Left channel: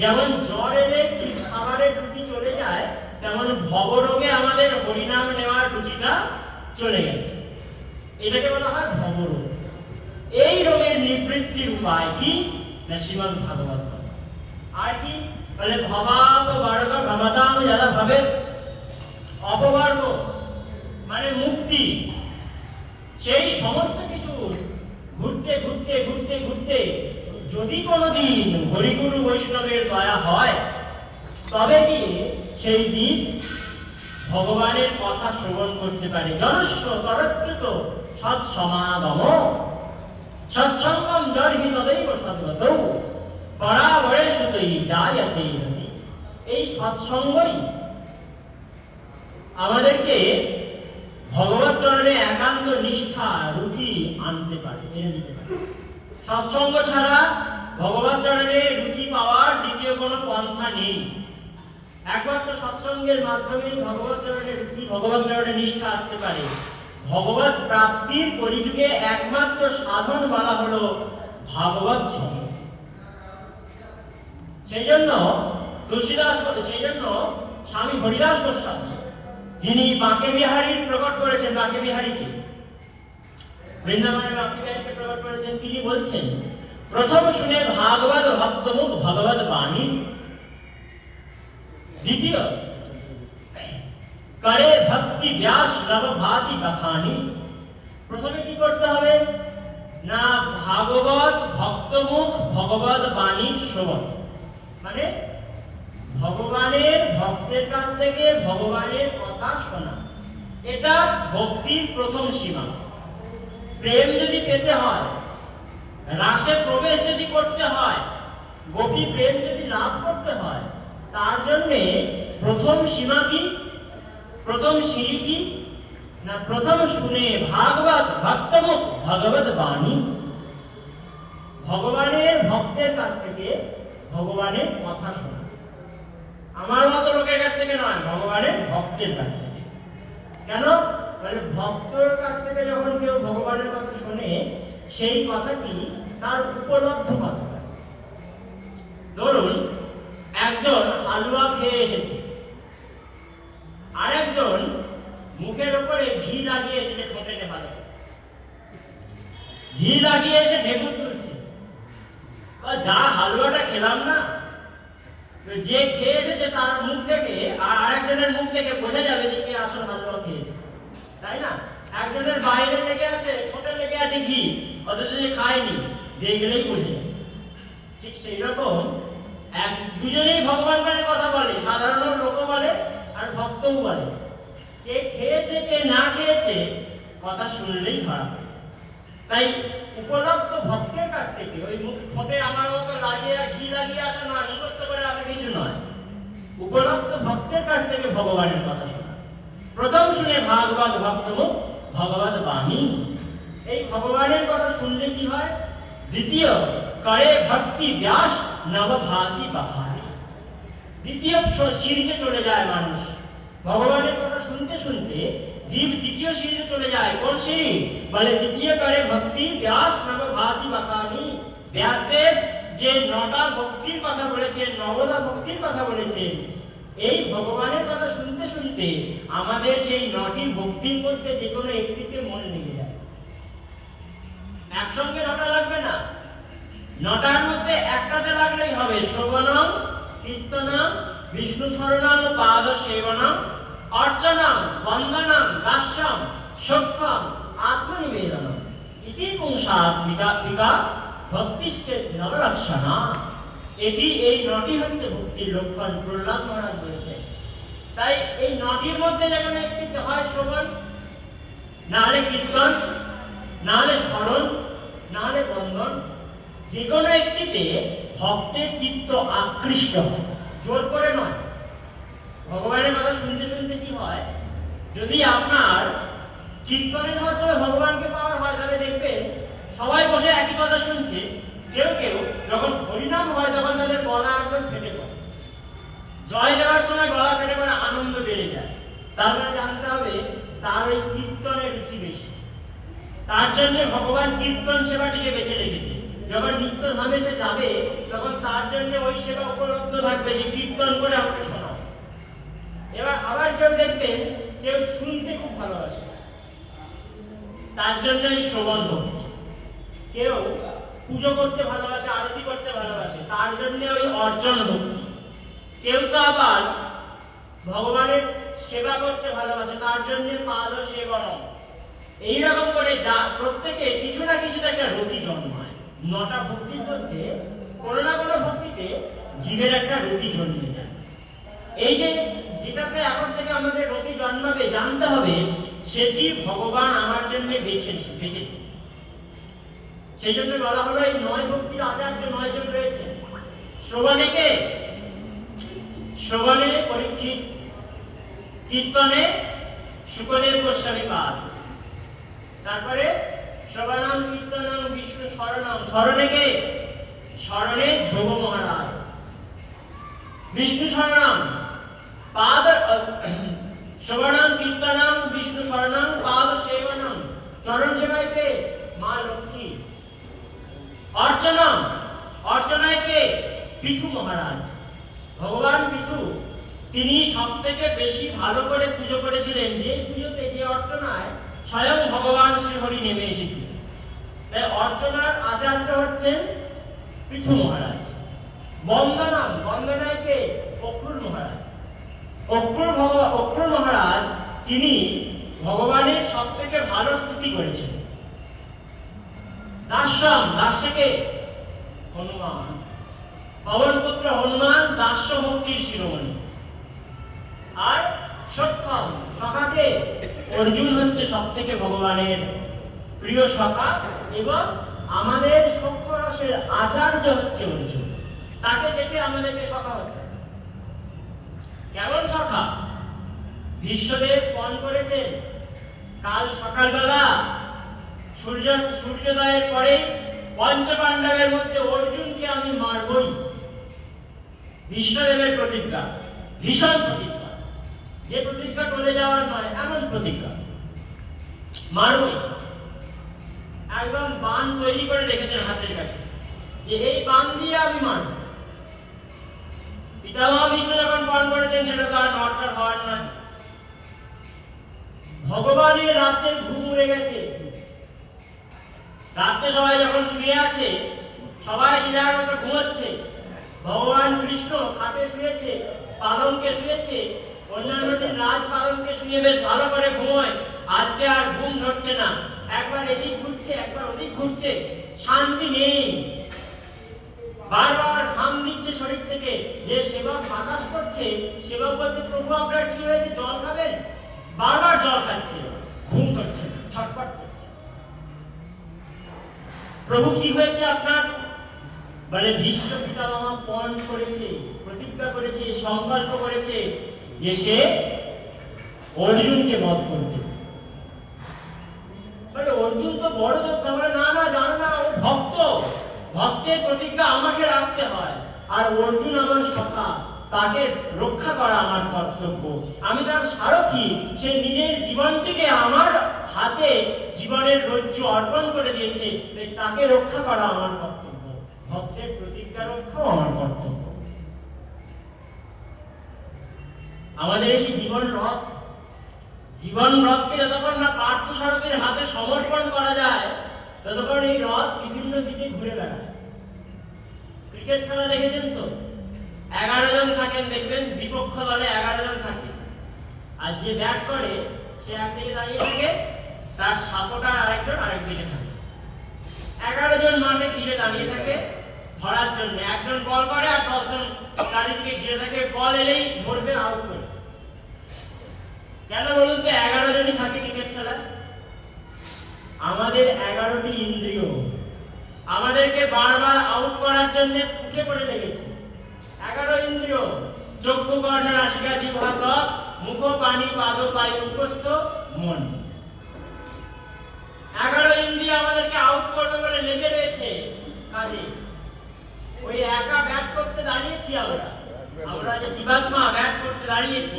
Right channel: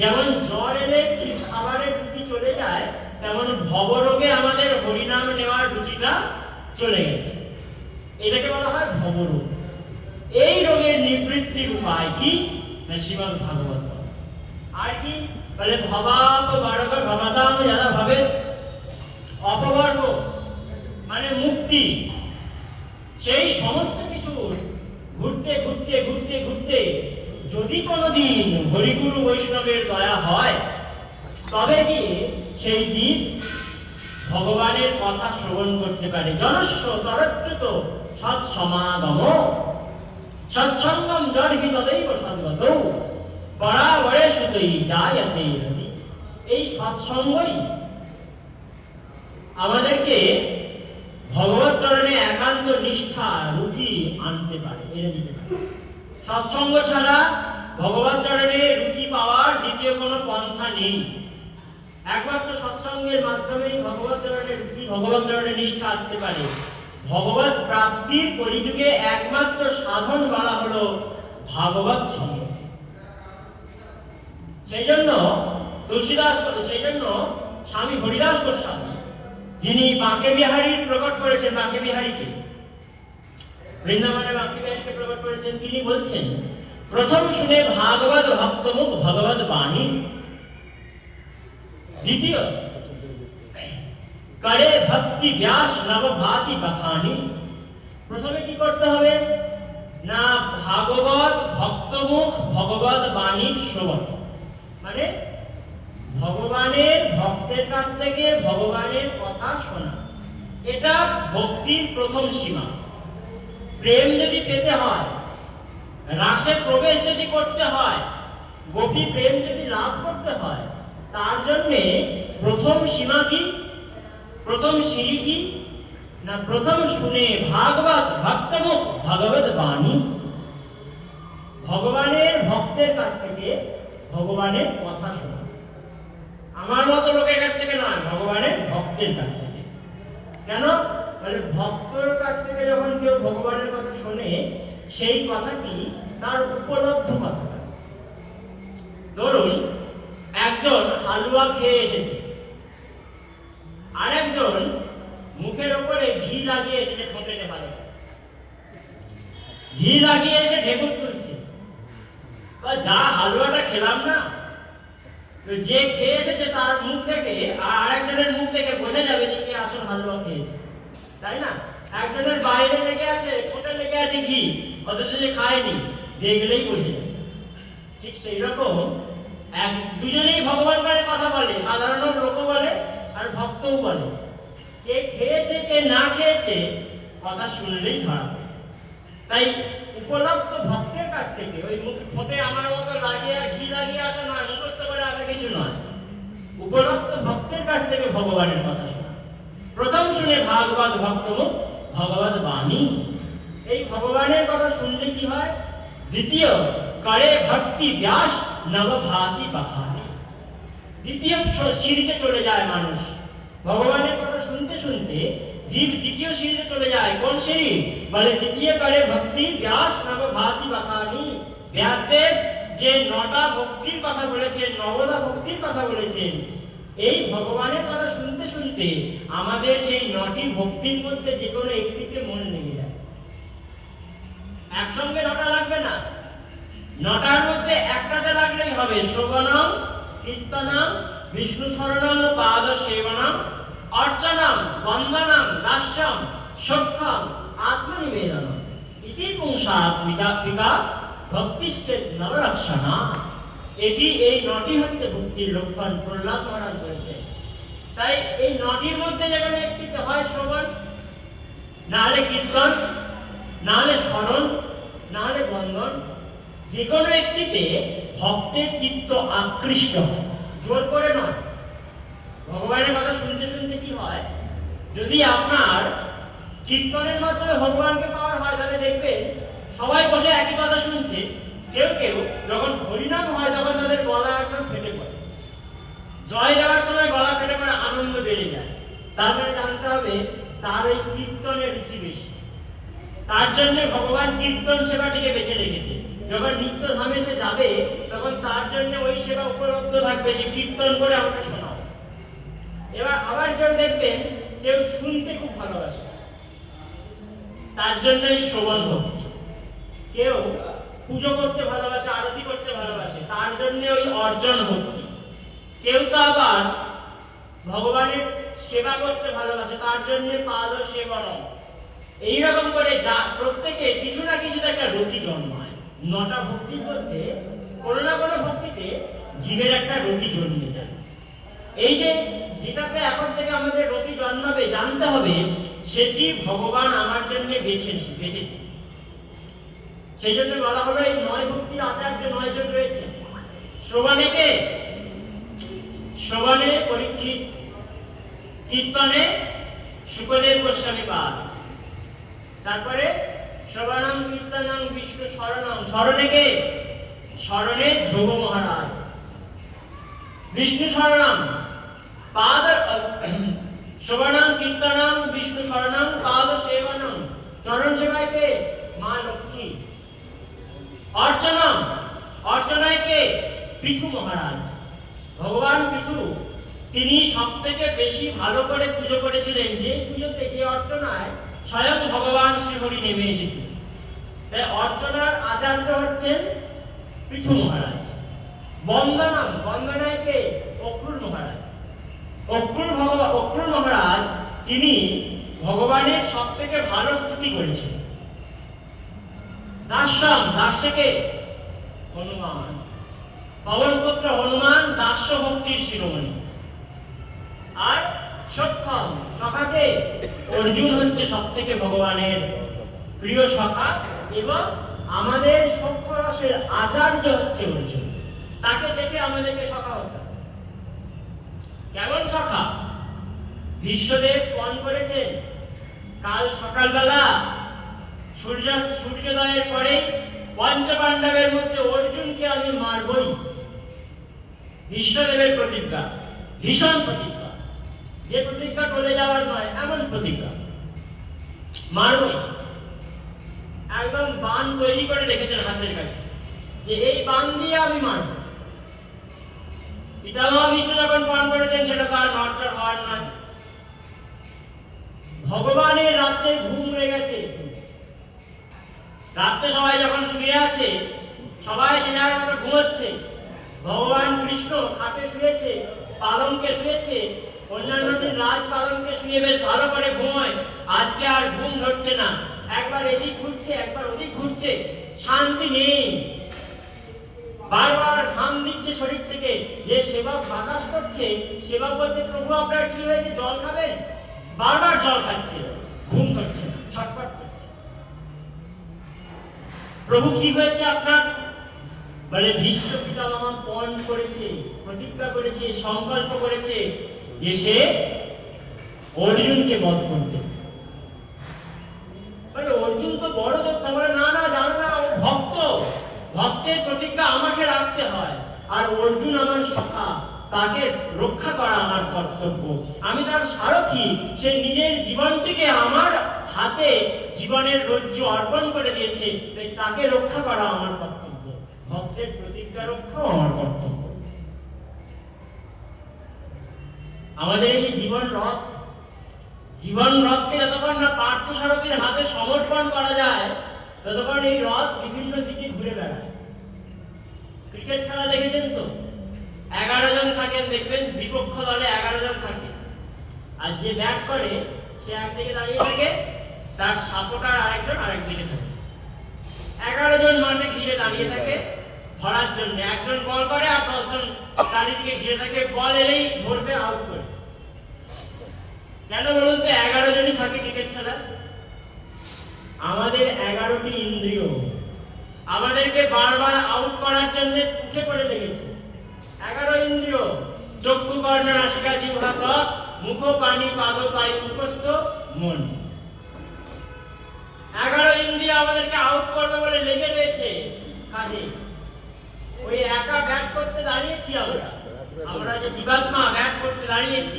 যেমন জ্বর এলে খাবারের রুচি চলে যায়, তেমন ভবরোগে আমাদের হরিনাম নেওয়ার রুচিটা চলে গেছে। এটাকে বলা হয় ভবরোগ। এই রোগের নিবৃত্তির উপায় কি? না শ্রীমদ ভাগবত। আর কি বলে? ভবাপ বারগ ভবতাম যারা ভাবে অপবর্গ, মানে মুক্তি। সেই সমস্ত কিছু ঘুরতে ঘুরতে ঘুরতে ঘুরতে যদি কোনোদিন হরিগুরু বৈষ্ণবের দয়া হয়, তবে গিয়ে সেই জীব ভগবানের কথা শ্রবণ করতে পারে। জনস্ব তরচ্যুত সৎসমাগম সৎসঙ্গম জর্হি তदैব সদ্গত পরাবরেষুতৈ জায়তে হরি। এই সৎসঙ্গই আমাদেরকে ভগবত চরণে একান্ত নিষ্ঠা রুচি আনতে পারে, এনে দিতে পারে। সৎসঙ্গ ছাড়া ভগবত চরণে রুচি পাওয়ার দ্বিতীয় কোনো পন্থা নেই। একমাত্র সৎসঙ্গের মাধ্যমেই ভগবত চরণে রুচি, ভগবত চরণে নিষ্ঠা আসতে পারে। ভগবত প্রাপ্তির পরিযুগে একমাত্র সাধন বলা হলো ভাগবত সঙ্গ। সেই জন্য স্বামী হরিদাস গোস্বামী, যিনি বাঁকে বিহারীর প্রকট করেছেন, বাঁকে বিহারীকে বৃন্দাবনে বাঁকে বিহারীকে প্রকট করেছেন, তিনি বলছেন, প্রথম শুনে ভাগবত ভক্তমুখ ভগবত বাণী, দ্বিতীয় করে ভক্তি ব্যাস নবভাতি বখানি। প্রথমে কি করতে হবে? না ভাগবত ভক্তমুখ ভগবত বাণীর শ্রবণ, মানে ভগবানের ভক্তের কাছ থেকে ভগবানের কথা শোনা। এটা ভক্তির প্রথম সীমা। প্রেম যদি পেতে হয়, রাসে প্রবেশ যদি করতে হয়, গোপী প্রেম যদি লাভ করতে হয়, তার জন্যে প্রথম সীমা কি, প্রথম সিঁড়ি কি? না প্রথম শুনে ভাগবত ভক্তমুখ ভগবত বাণী, ভগবানের ভক্তের কাছ থেকে ভগবানের কথা শোনা। আমার মতো লোকের কাছ থেকে নয়, ভগবানের ভক্তের কাছ থেকে। কেন? মানে ভক্তের কাছ থেকে যখন কেউ ভগবানের কথা শোনে, সেই কথাটি তার উপলব্ধ কথা। ধরুন একজন হালুয়া খেয়ে এসেছে, আর একজন মুখের উপরে ঘি লাগিয়ে এসে ঠোঁটেতে ভালো ঘি লাগিয়ে এসে ঢেকুর তুলছে। যা হালুয়াটা খেলাম না, যে খেয়ে এসেছে তার মুখ থেকে আর আরেকজনের মুখ থেকে বোঝা যাবে যে কে আসল হালুয়া খেয়েছে, তাই না? একজনের বাইরে লেগে আছে, ঠোঁটে লেগে আছে ঘি, অথচ যে খায়নি, দেখলেই বোঝে। ঠিক সেই রকম দুজনেই ভগবানের কথা বলে, সাধারণ লোকও বলে আর ভক্তও বলে। কে খেয়েছে কে না খেয়েছে কথা শুনলেই ধরা পড়ে। তাই উপলব্ধ ভক্তের কাছ থেকে, ওই মুখ ঠোঁটে আমার মতো লাগিয়ে আর ঘি লাগিয়ে আসা নয়, মুখস্থ করে আসা কিছু নয়, উপলব্ধ ভক্তের কাছ থেকে ভগবানের কথা শোনা। প্রথম শুনে ভাগবত ভক্তমুখ ভগবত বাণী। এই ভগবানের কথা শুনলে কি হয়? দ্বিতীয় করে ভক্তি ব্যাস নবভাতি বখানি। দ্বিতীয় সিঁড়িতে চলে যায় মানুষ। ভগবানের কথা শুনতে শুনতে জীব দ্বিতীয় সিঁড়িতে চলে যায়। কোন সিঁড়ি? বলে দ্বিতীয় করে ভক্তি ব্যাস নবভাতি বখানি। ব্যাসদেব যে 9টা ভক্তির কথা বলেছেন, 9টা ভক্তির কথা বলেছেন, এই ভগবানের কথা শুনতে শুনতে আমাদের সেই 9টি ভক্তির মধ্যে যে কোনো একটিতে মন লেগে যায়। একসঙ্গে 9টা লাগবে না, 9টার মধ্যে একটাতে লাগলেই হবে। শ্রবণম, কীর্তনম, বিষ্ণু শরণম পাদ সেবনম, অর্চনম, বন্দনম, দাস্যম, সখ্যম, আত্মনিবেদনম ইতি পুংসাত্মিকা ভক্তিশ্চেত নবরক্ষণা। এই 9টি হচ্ছে ভক্তির লক্ষণ, প্রহ্লাদ মহারাজ বলেছেন। তাই এই 9টির মধ্যে যখন একটিতে হয় শ্রবণ, নাহলে কীর্তন, নাহলে স্মরণ, নাহলে বন্দন, যে কোনো একটিতে ভক্তের চিত্ত আকৃষ্ট হয়, জোর করে নয়। ভগবানের কথা শুনতে শুনতে কি হয়? যদি আপনার কীর্তনের মাধ্যমে ভগবানকে পাওয়ার হয়, তাহলে দেখবেন সবাই বসে একই কথা শুনছে। কেউ কেউ যখন হরিনাম হয় তখন তাদের গলা একদম ফেটে পড়ে, জয় দেওয়ার সময় গলা ফেটে পড়ে আনন্দ বেড়ে যায়। তার মানে জানতে হবে তার ওই কীর্তনের রুচি বেশি, তার জন্য ভগবান কীর্তন সেবাটিকে বেছে রেখেছে। যখন নিত্য ধামে সে যাবে তখন তার জন্য ওই সেবা উপলব্ধ থাকবে যে কীর্তন করে আমাকে শোনাও। এবার আবার কেউ দেখবেন কেউ শুনতে খুব ভালোবাসে, তার জন্যই শ্রবণ ভক্তি। কেউ পুজো করতে ভালোবাসে, আরতি করতে ভালোবাসে, তার জন্য ওই অর্জন ভক্তি। কেউ তো আবার ভগবানের সেবা করতে ভালোবাসে, তার জন্য পাদ সেবনম। এইরকম করে যা প্রত্যেকে কিছু না কিছু একটা রতি জন্মায়। 9টা ভক্তির মধ্যে কোনো না কোনো ভক্তিতে জীবের একটা রতি জন্মে যায়। এই যে যেটাতে এখন থেকে আমাদের রতি জন্মাবে জানতে হবে সেটি ভগবান আমার জন্য বেঁচেছে। সেই জন্য বলা হলো এই 9 ভক্তির আচার্য 9 জন রয়েছে। শ্রবণে পরীক্ষিত, কীর্তনে শুকদেব গোস্বামী পাদ, তারপরে শ্রবণাম কীর্তনাম বিষ্ণু শরণাম, স্মরণে ধ্রুব মহারাজ, বিষ্ণু শরণাম পাদ, শ্রবণাম কীর্তনাম বিষ্ণু শরণাম পাদ সেবনম, চরণ সেবায় কে? মা লক্ষ্মী। অর্চনায় কে? পৃথু মহারাজ। ভগবান পৃথু তিনি সব থেকে বেশি ভালো করে পুজো করেছিলেন, যে পুজোতে, যে অর্চনায় স্বয়ং ভগবান শ্রীহরি নেমে এসেছিলেন। তাই অর্চনার আচার্য হচ্ছেন পৃথু মহারাজ। বন্দনায় কে? অক্রুর মহারাজ। অক্রুর মহারাজ তিনি ভগবানের সব থেকে ভালো স্তুতি করেছিলেন। দাস্যে কে? হনুমান। পবনপুত্র হনুমান দাস্য ভক্তির শিরোমণি। আর সখাকে অর্জুন হচ্ছে সব থেকে ভগবানের প্রিয় সখা, এবং আমাদের সখ্য রসের আচার্য হচ্ছে অর্জুন। তাকে দেখে আমাদেরকে সখা হতে। কেমন সখা? বিশ্বদেব পণ করেছেন কাল সকালবেলা সূর্যোদয়ের পরে পঞ্চপাণ্ডবের মধ্যে অর্জুনকে আমি মারবই। বিশ্বদেবের প্রতিজ্ঞা, ভীষণ প্রতিজ্ঞা, যে প্রতিজ্ঞা টলে যাওয়ার নয়, এমন প্রতিজ্ঞা, মারবই। একদম বান তৈরি করে রেখেছেন হাতের কাছে, যে এই বান দিয়ে আমি মারব। পিতামহ বিষ্ণু যখন পান করেছেন সেটা তার নড়চড় হওয়ার নয়। ভগবানের রাত্রে ঘুম উড়ে গেছে। রাত্রে সবাই যখন শুয়ে আছে, সবাই দিনার মতো ঘুমাচ্ছে, ভগবান কৃষ্ণ খাটে শুয়েছে, পালঙ্কে শুয়েছে, অন্যান্য দিন রাজ পালঙ্কে শুয়ে বেশ ভালো করে ঘুমায়। আজকে আর ঘুম ধরছে না, একবার এদিক ঘুরছে, একবার ওদিক ঘুরছে, শান্তি নেই। বারবার ঘাম দিচ্ছে শরীর থেকে। যে সেবক বাতাস করছে, সেবক বলছে প্রভু আপনার কি হয়েছে, জল খাবেন? বারবার জল খাচ্ছে, ঘুম ধরছে না, ছটফট করছে। প্রভু কি হয়েছে আপনার? বলে ভীষ্ম পিতামহ পণ করেছে, প্রতিজ্ঞা করেছে, সংকল্প করেছে যে সে অর্জুনকে বধ করবে। বলে অর্জুন তো বড় যোদ্ধা। বলে না না, জানো না, ও ভক্ত, ভক্তের প্রতিজ্ঞা আমাকে রাখতে হয়। আর অর্জুন আমার সখা, তাকে রক্ষা করা আমার কর্তব্য। আমি তার সারথি, সে নিজের জীবনটিকে আমার হাতে জীবনের রজ্জু অর্পণ করে দিয়েছে, তাকে রক্ষা করা আমার কর্তব্য। ভক্তের প্রতিজ্ঞা রক্ষাও আমার কর্তব্য। আমাদের এই জীবন রথকে যতক্ষণ না পার্থ সারথীর হাতে সমর্পণ করা যায়, ততক্ষণ এই রথ বিভিন্ন দিকে ঘুরে বেড়ায়। ক্রিকেট খেলা দেখেছেন তো? 11 জন থাকেন, দেখবেন বিপক্ষ দলে 11 জন থাকে, আর যে ব্যাট করে সে একদিকে দাঁড়িয়ে থাকে, তার সাপোর্টার আরেকজন আরেকদিকে থাকে। 11 জন মাঠে ঘিরে দাঁড়িয়ে থাকে ধরার জন্য। একজন বল করে আর 10 জন চারিদিকে ঘিরে থাকে, বল এলেই ধরবে, আউট করে। কেন বলুন তো 11 জনই থাকে ক্রিকেট খেলা? আমাদের 11টি ইন্দ্রিয় আমাদেরকে বারবার আউট করার জন্য উঠে পড়ে লেগেছে। 11 ইন্দ্রিয়, চক্ষু কর্ণ নাসিকা জিহ্বা ত্বক, মুখ পানি পাদ বায়ু উপস্থ মন। 11 ইন্দ্রিয় আমাদেরকে আউট করবে বলে লেগে রয়েছে কাজে। ওই একা ব্যাট করতে দাঁড়িয়েছি আমরা যে জীবাত্মা ব্যাট করতে দাঁড়িয়েছি,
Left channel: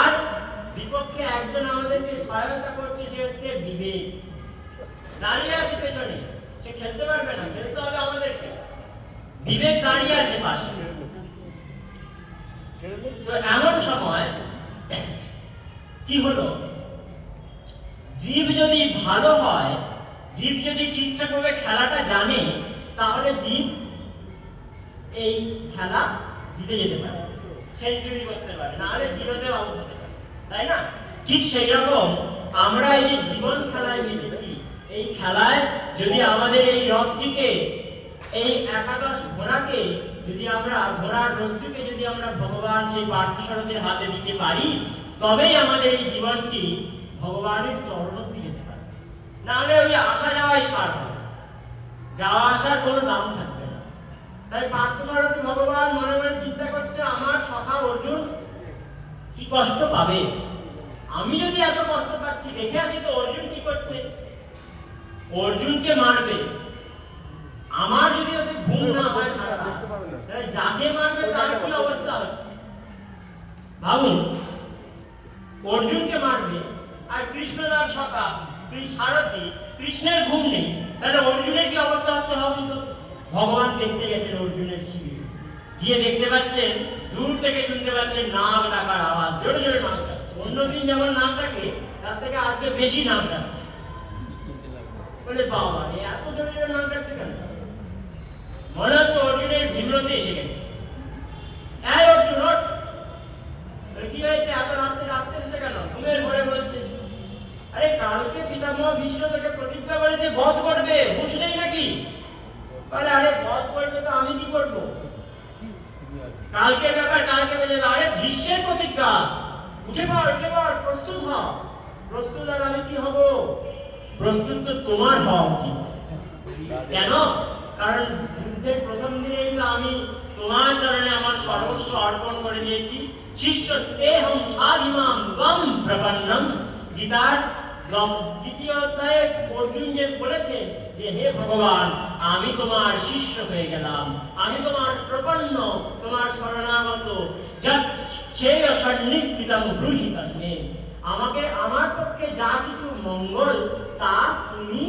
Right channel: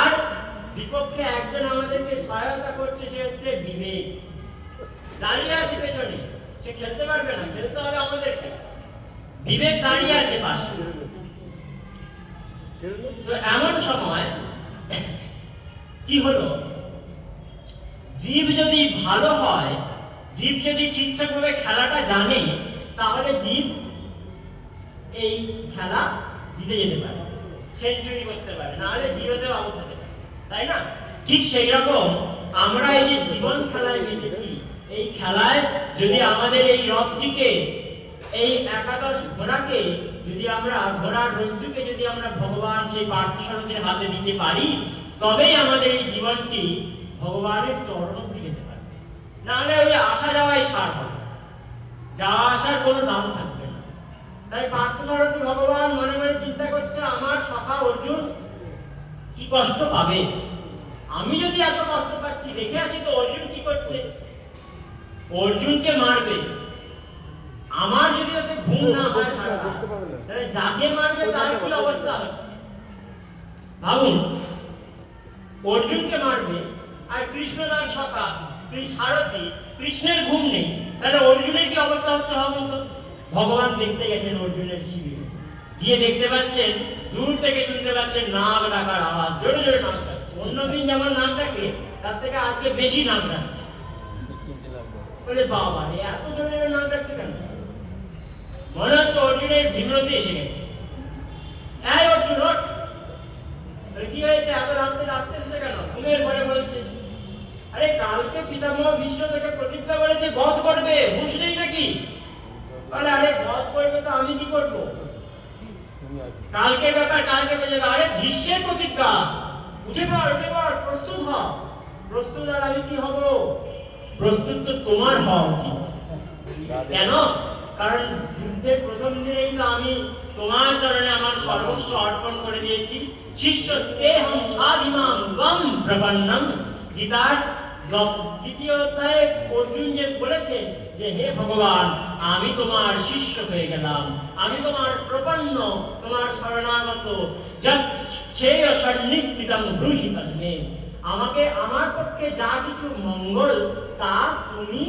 আর বিপক্ষে একজন আমাদেরকে সহায়তা করছে, সে হচ্ছে বিবেক। দাঁড়িয়ে আছে পেছনে, সে খেলতে পারবে না, খেলতে হবে আমাদেরকে। বিবেক দাঁড়িয়ে আছে পাশে। তো এমন সময় কি হলো, জীব যদি ভালো হয়, জীব যদি ঠিকঠাক ভাবে খেলাটা জানে, তাহলে জীব এই খেলা জিতে যেতে পারে, সেঞ্চুরি করতে পারে, না হলে জিরোতেও আউট হতে পারে, তাই না? ঠিক সেই রকম আমরা এই যে জীবন খেলায় মেতেছি, এই খেলায় যদি আমাদের এই রথটিকে, এই একাদশ ঘোড়াকে যদি আমরা, ঘোড়ার রজ্জুকে যদি আমরা ভগবান সেই পার্থসারথীর হাতে দিতে পারি, তবেই আমাদের এই জীবনটি ভগবানের চরণ অবধি যেতে পারে। না হলে ওই আসা যাওয়াই সার হবে, যাওয়া আসার কোনো দাম থাকবে না। তাই পার্থসারথী ভগবান মনে মনে চিন্তা করছে, আমার সখা অর্জুন কি কষ্ট পাবে, আমি যদি এত কষ্ট পাচ্ছি, দেখে আসি তো অর্জুন কি করছে। অর্জুনকে মারবে, আমার যদি ওতে ঘুম না হয় সারা রাত, তাহলে যাকে মারবে তার কি অবস্থা হচ্ছে ভাবুন। অর্জুনকে মারবে, আর কৃষ্ণ তার সখা সারথী, কৃষ্ণের ঘুম নেই, তাহলে অর্জুনের কি অবস্থা হচ্ছে ভাবুন তো। ভগবান দেখতে গেছেন অর্জুনের শিবিরে, গিয়ে দেখতে পাচ্ছেন, দূর থেকে শুনতে পাচ্ছেন নাম ডাকার আওয়াজ, জোরে জোরে নাম ডাকছে। অন্যদিন যেমন নাম ডাকে, তার থেকে আজকে বেশি নাম ডাকছে। বলে বাবা রে, এত জোরে জোরে নাম ডাকছে কেন? মনে হচ্ছে অর্জুনের বিব্রতি এসে গেছে। এই অর্জুন, কি হয়েছে, এত রাত্রে ডাকতেছে কেন? ঘুমের ঘরে বলছে, আরে কালকে পিতামহ ভীষ্ম থেকে প্রতিজ্ঞা করেছে বধ করবে, হুঁশ নেই নাকি? বলে আরে বধ করবে তো আমি কি করবো, কালকে ব্যাপার কালকে বেজে। আরে ভীষ্মের প্রতিজ্ঞা, উঠে পড়, প্রস্তুত হ। প্রস্তুত আর আমি কি হব? প্রস্তুত তো তোমার হওয়া উচিত। কেন? কারণ যুদ্ধের প্রথম দিনেই তো আমি তোমার চরণে আমার সর্বস্ব অর্পণ করে দিয়েছি। শিষ্য স্নেহম সাধিমাম ত্বম প্রপন্নম। গীতার দ্বিতীয় অধ্যায়ে অর্জুন যে বলেছে যে হে ভগবান, আমি তোমার শিষ্য হয়ে গেলাম, আমি তোমার প্রপন্ন, তোমার শরণাগত, যচ্ছেয় সন্নিষ্ঠিতম ব্রূহিতং মে। আমাকে, আমার পক্ষে যা কিছু মঙ্গল তা তুমি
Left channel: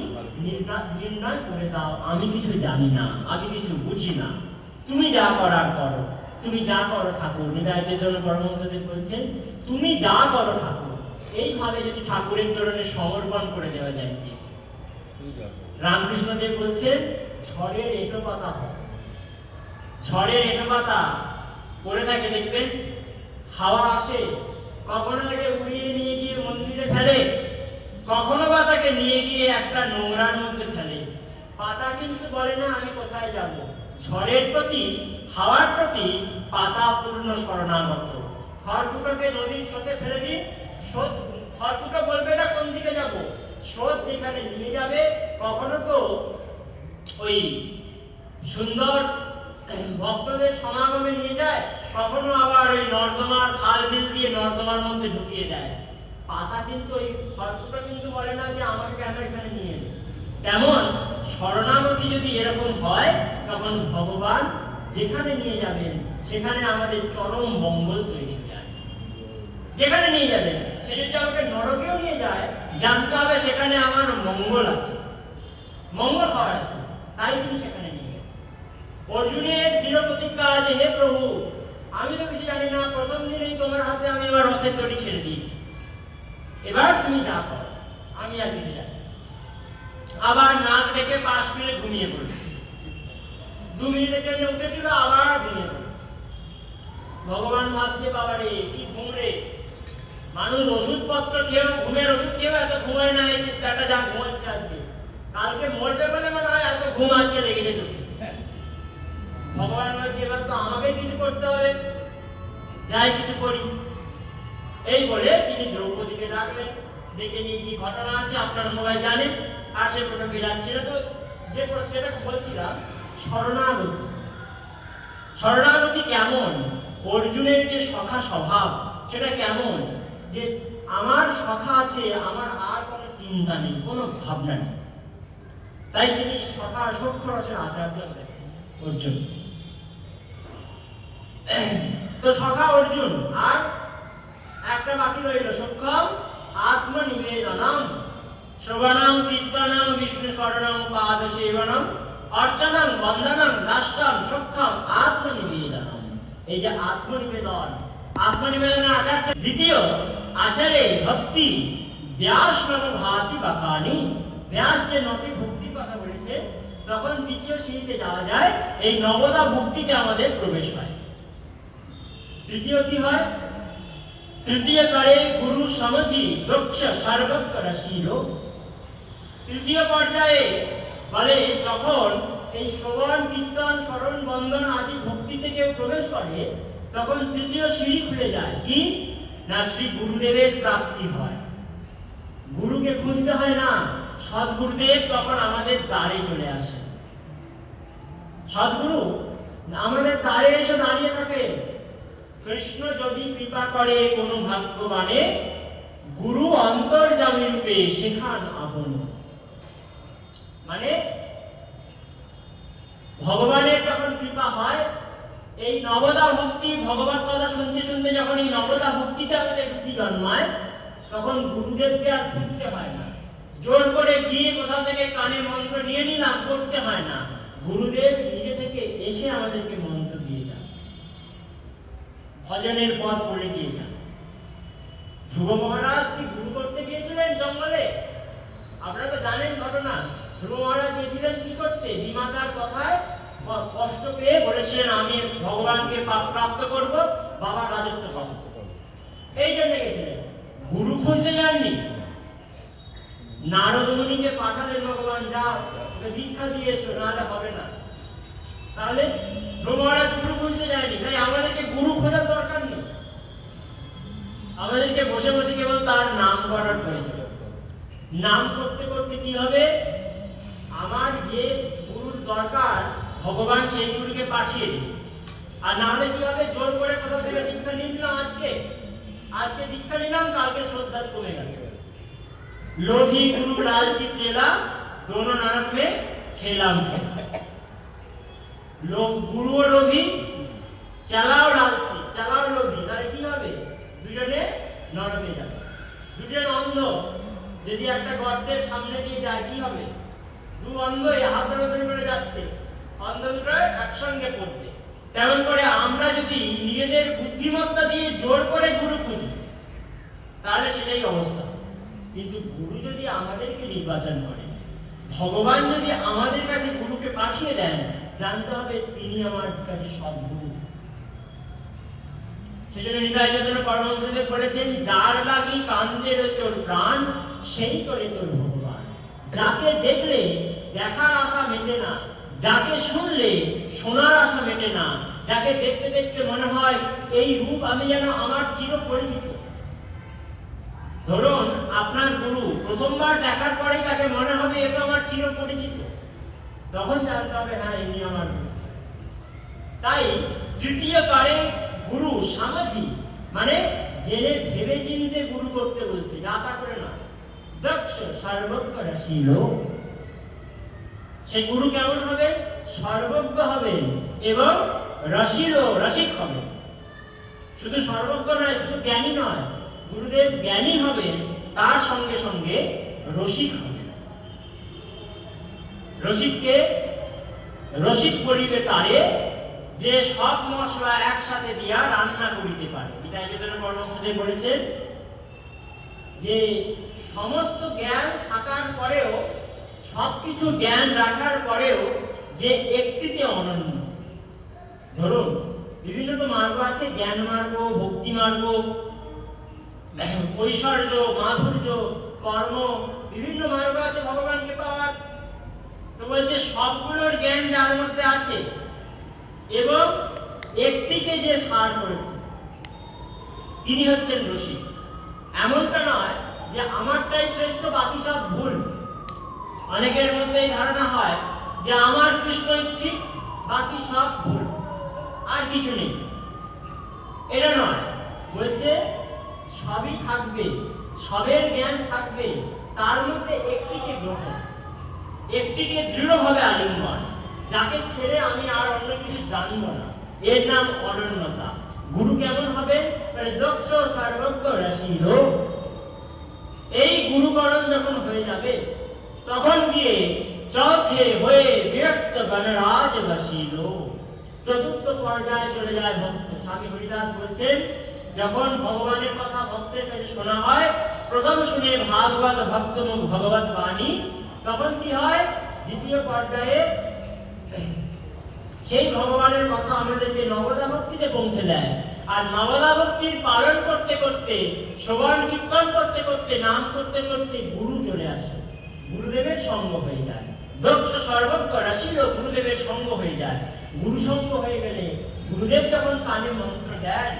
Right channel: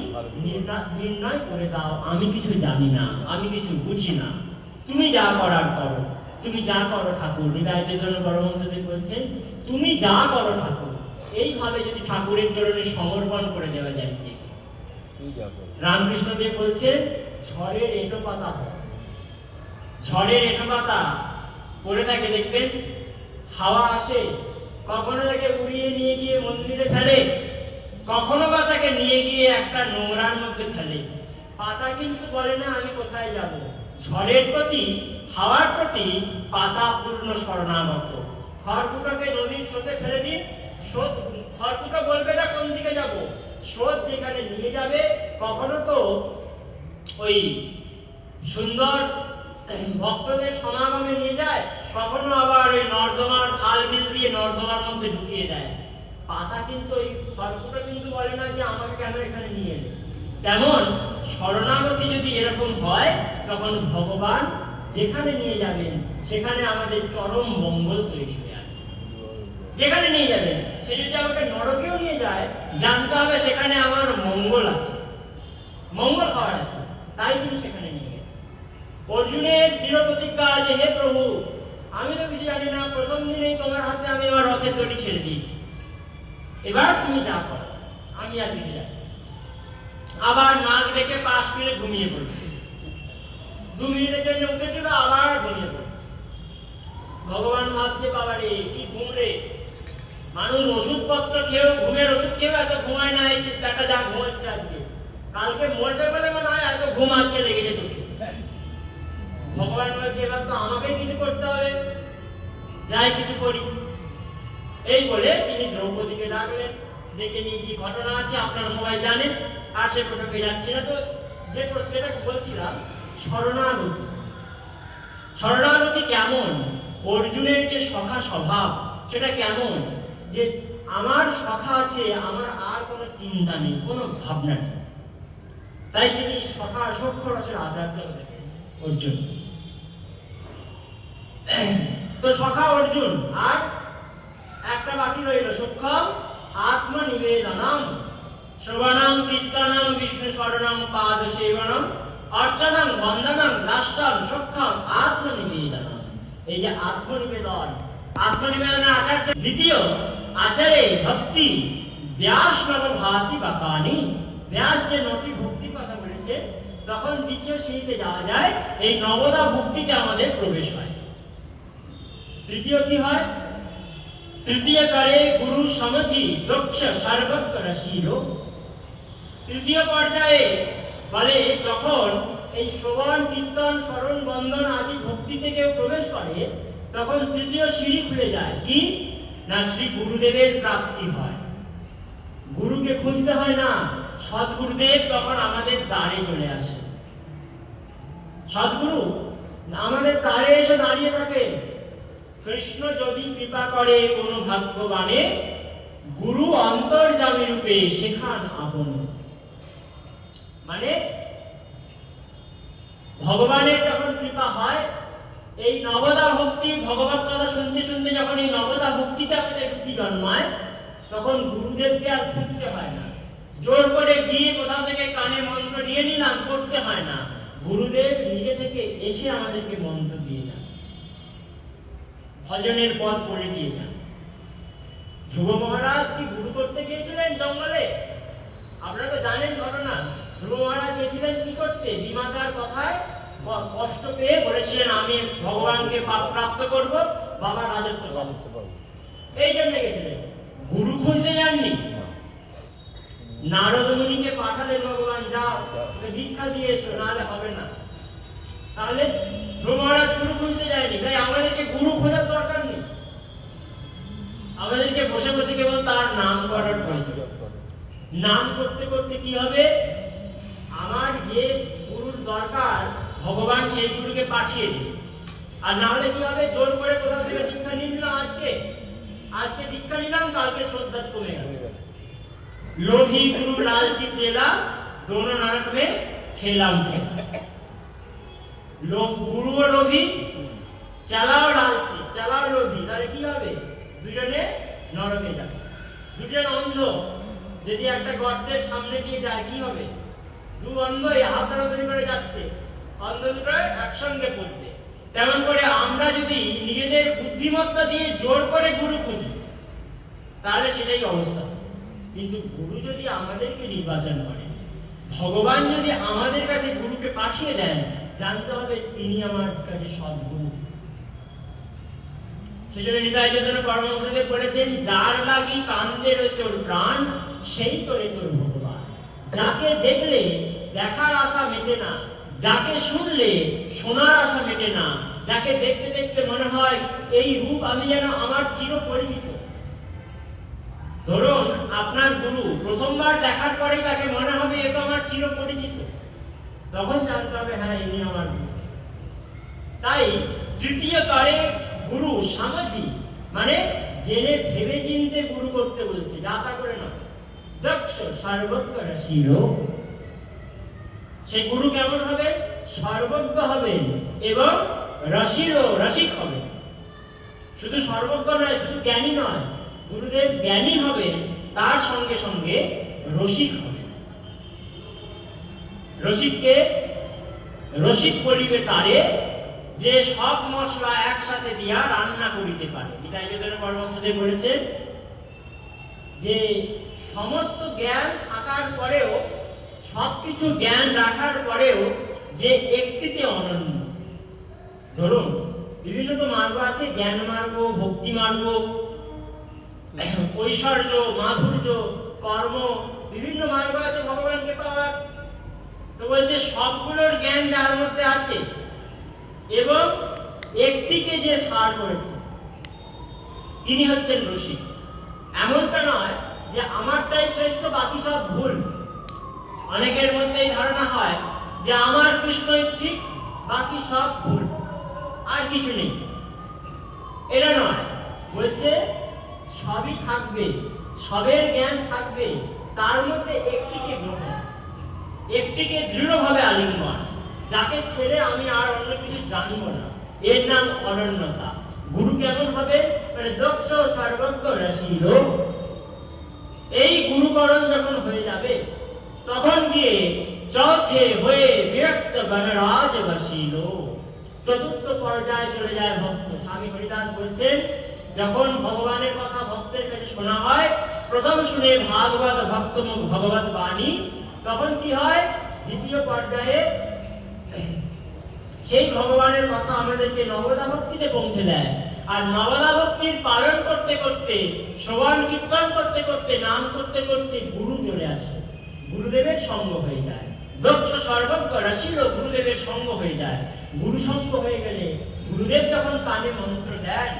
নির্ণয় করে দাও। আমি কিছু জানি না, আমি কিছু বুঝি না, তুমি যা করার করো, তুমি যা করো ঠাকুর। হৃদয় চৈতন্য পরমহংসদেব বলছেন, তুমি যা করো ঠাকুর। এইভাবে যদি ঠাকুরের চরণে সমর্পণ করে দেওয়া যায়, রামকৃষ্ণদেব বলছেন, ঝড়ের এঁটো পাতা, ঝড়ের এঁটো পাতা পড়ে থাকে দেখবেন, হাওয়া আসে, কখনো তাকে উড়িয়ে নিয়ে গিয়ে মন্দিরে ফেলে, কখনো বা তাকে নিয়ে গিয়ে একটা নোংরার মধ্যে ফেলে। পাতা কিন্তু বলে না আমি কোথায় যাব। ঝড়ের প্রতি, হাওয়ার প্রতি পাতা পূর্ণ শরণাগত। খড়কুটোকে নদীর স্রোতে ফেলে দিন, স্রোত, খড়কুটো বলবে না কোন দিকে যাব, স্রোত যেখানে নিয়ে যাবে। কখনো তো ওই সুন্দর ভক্তদের সমাগমে নিয়ে যায়, কখনো আবার ওই নর্দমার খাল বিল দিয়ে নর্দমার মধ্যে ঢুকিয়ে দেয়। পাতা কিন্তু ওই খড়কুটো কিন্তু বলে না যে আমাকে কেন এখানে নিয়ে এলে। তেমন শরণাগতি যদি এরকম হয়, তখন ভগবান যেখানে নিয়ে যাবেন সেখানে আমাদের চরম মঙ্গল তৈরি হয়ে আছে। যেখানে নিয়ে যাবেন, সে যদি আমাকে নরকেও নিয়ে যায়, জানতে হবে সেখানে আমার মঙ্গল আছে, মঙ্গল হওয়ার আছে, তাই তিনি সেখানে নিয়ে গেছে। অর্জুনের দৃঢ় প্রতিজ্ঞা যে হে প্রভু, আমি তো কিছু জানি না, প্রথম দিনেই তোমার হাতে আমি আমার রথের দড়ি ছেড়ে দিয়েছি, এবার তুমি যা করো, আমি আর কিছু জানি। আবার নাক ডেকে পাশ ফিরে ঘুমিয়ে পড়ছে। 2 মিনিটের জন্য উঠেছিল, আবার ঘুমিয়ে পড়ে। ভগবান ভাবছে বাবা রে, কি ঘুম রে, মানুষ ওষুধপত্র খেয়েও, ঘুমের ওষুধ খেয়েও এত ঘুমায় না, এই চিন্তাটা যা ঘুমাচ্ছে আজকে, কালকে মরতে পারে মনে হয়, এত ঘুম আজকে লেগেছে তোকে। ভগবান বলছে এবার তো আমাকেই কিছু করতে হবে, যাই কিছু করি। এই বলে তিনি দ্রৌপদীকে ডাকলেন, ডেকে নিয়ে কি ঘটনা আছে আপনারা সবাই জানেন, আর সে প্রসঙ্গে যাচ্ছি না। তো যেটা বলছিলাম, শরণাগতি, শরণাগতি কেমন, অর্জুনের যে সখা স্বভাব সেটা কেমন, যে আমার সখা আছে, আমার আর কোনো চিন্তা নেই, কোনো ভাবনা নেই। তাই তিনি সখা সক্ষরসের আচার্য দেখেছেন অর্জুন। তো সখা অর্জুন, আর একটা বাকি রইল সক্ষম আত্মনিবেদনম। শ্রবণম কীর্তনম বিষ্ণু স্মরণম পাদ সেবনম অর্চনম বন্দনম দাস্যম সক্ষম আত্মনিবেদনম। এই যে আত্মনিবেদনের আচার। দ্বিতীয় আচারে ভক্তি ব্যাস নব ভাতি বাকানি। ব্যাস যে 9টি ভক্তির কথা বলেছে, তখন দ্বিতীয় সিঁড়িতে যাওয়া যায়, এই নবদা ভক্তিতে আমাদের প্রবেশ হয়। তৃতীয় কি হয়? তৃতীয় করে গুরু সমঝি দক্ষ সর্বজ্ঞ রসিল। তৃতীয় পর্যায়ে বলে যখন এই শ্রবণ কীর্তন স্মরণ বন্দন আদি ভক্তিতে কেউ প্রবেশ করে, তখন তৃতীয় সিঁড়ি খুলে যায়। কি না, শ্রী গুরুদেবের প্রাপ্তি হয়। গুরুকে খুঁজতে হয় না, সদ্গুরুদেব তখন আমাদের দ্বারে চলে আসে। সদ্গুরু আমাদের দ্বারে এসে দাঁড়িয়ে থাকে। কৃষ্ণ যদি কৃপা করে কোনো ভাগ্যবানে, গুরু অন্তর্যামী রূপে শেখান আপন। মানে ভগবানের যখন কৃপা হয়, এই নবদা ভক্তি ভগবত কথা শুনতে শুনতে যখন এই নবদা ভক্তিতে আমাদের রুচি জন্মায়, তখন গুরুদেবকে আর খুঁজতে হয় না। জোর করে গিয়ে কোথাও থেকে কানে মন্ত্র নিয়ে নিলাম করতে হয় না। গুরুদেব নিজে থেকে এসে আমাদেরকে মন্ত্র দিয়ে যান, ভজনের পথ করে দিয়ে যান। ধ্রুব মহারাজ কি গুরু করতে গিয়েছিলেন জঙ্গলে? আপনারা তো জানেন ঘটনা। ধ্রুব মহারাজ গিয়েছিলেন কি করতে? বিমাতার কথায় কষ্ট পেয়ে বলেছিলেন আমি ভগবানকে প্রাপ্ত করব, বাবার রাজত্ব পাবো, এই জন্য গেছিলেন। গুরু খুঁজতে যাননি। নারদ মুনিকে পাঠালেন ভগবান, যাও দীক্ষা দিয়ে এসো, নাহলে হবে না। তাহলে ধ্রুব মহারাজ গুরু খুঁজতে যায়নি। তাই আমাদেরকে গুরু খোঁজার দরকার নেই। আমাদেরকে বসে বসে কেবল তার নাম করার প্রয়োজন। নাম করতে করতে কি হবে? আমার যে গুরুর দরকার ভগবান সেই গুরুকে পাঠিয়ে দিন। আর না হলে কি হবে? জোর করে কোথাও থেকে দীক্ষা নিয়ে নিলাম, আজকে দীক্ষা নিলাম, কালকে শ্রদ্ধা কমে গেল। লোভী গুরু লালচি চেলা, দোনো নরক মে খেলাম। গুরুও লোভী, চেলাও লালচি, চেলাও লোভী, তাহলে কি হবে? দুজনে নরকে যাবে। দুজন অন্ধ যদি একটা গর্তের সামনে দিয়ে যায়, কি হবে? দু অন্ধ হাতাহাতি করে যাচ্ছে, অন্ধ দুটো একসঙ্গে পড়বে। তেমন করে আমরা যদি নিজেদের বুদ্ধিমত্তা দিয়ে জোর করে গুরু খুঁজি, তাহলে সেটাই অবস্থা। কিন্তু গুরু যদি আমাদেরকে নির্বাচন করে, ভগবান যদি আমাদের কাছে গুরুকে পাঠিয়ে দেন, জানতে হবে তিনি আমার কাছে সদ্গুরু। সেজন্য নিতাই চৈতন্য পরমহংসদেব বলেছেন, যার লাগি কান্দে তোর প্রাণ, সেই তোরে তোর ভগবান। যাকে দেখলে দেখার আশা মেটে না, যাকে শুনলে শোনার আশা মেটে না, যাকে দেখতে দেখতে মনে হয় এই রূপ আমি যেন আমার চির পরিচিত। ধরুন আপনার গুরু প্রথমবার দেখার পরে তাকে মনে হবে এ তো আমার চির পরিচিত, তখন জানতে হবে হ্যাঁ ইনি আমার গুরু। তাই তৃতীয় কারে গুরু সামাজিক, মানে জেনে ভেবে চিনতে গুরু করতে বলছে, যা তা করে না। দক্ষ সর্বজ্ঞ রসিল। সেই গুরু কেমন হবে? সর্বজ্ঞ হবে এবং রসিক হবে। শুধু সর্বজ্ঞ নয়, শুধু জ্ঞানী নয়, গুরুদেব জ্ঞানী হবে, তার সঙ্গে সঙ্গে রসিক হবে। রসিক বলিবে তারে, যে সব মশলা একসাথে দিয়া রান্না করিতে পারে। নিতাই চৈতন্য পরমহংসদেব বলেছেন যে সমস্ত জ্ঞান থাকার পরেও, সবকিছু জ্ঞান রাখার পরেও যে একটিতে অনন্য। ধরুন বিভিন্ন তো মার্গ আছে, জ্ঞান মার্গ, ভক্তি মার্গ, ঐশ্বর্য, মাধুর্য, কর্ম, বিভিন্ন মার্গ আছে ভগবানকে পাওয়ার। তো বলছে সবগুলোর জ্ঞান যার মধ্যে আছে এবং একটিকে যে সার করেছে, তিনি হচ্ছেন রসিক। এমনটা নয় যে আমারটাই শ্রেষ্ঠ, বাকি সব ভুল। অনেকের মধ্যে এই ধারণা হয় যে আমার কৃষ্ণই ঠিক, বাকি সব ভুল, আর কিছু নেই। এটা নয়, বলছে সবই থাকবে, সবের জ্ঞান থাকবে, তার মধ্যে একটিকে গ্রহণ, একটিকে দৃঢ়ভাবে আলিঙ্গন, যাকে ছেড়ে আমি আর অন্য কিছু জানবো না। এর নাম অনন্যতা। গুরু কেমন হবে? মানে দক্ষ সর্বজ্ঞ রসিল। এই গুরুকরণ যখন হয়ে যাবে তখন গিয়ে চৌথে হয়ে বিরক্ত গণরাজ বসিল, চতুর্থ পর্যায়ে চলে যায় ভক্ত। স্বামী হরিদাস বলছেন, যখন ভগবানের কথা ভক্তের কাছে শোনা হয়, প্রথম শুনে ভাগবত ভক্ত মুখ ভগবত বাণী, তখন কি হয়? দ্বিতীয় পর্যায়ে সেই ভগবানের কথা আমাদেরকে নবদা ভক্তিতে পৌঁছে দেয়। আর নবদা ভক্তির পালন করতে করতে, শ্রবণ কীর্তন করতে করতে, নাম করতে করতে গুরু চলে আসে, গুরুদেবের সঙ্গ হয়ে যায়। দক্ষ সর্বজ্ঞ রাশিল গুরুদেবের সঙ্গ হয়ে যায়। গুরু সঙ্গ হয়ে গেলে গুরুদেব যখন কানে মন্ত্র দেন,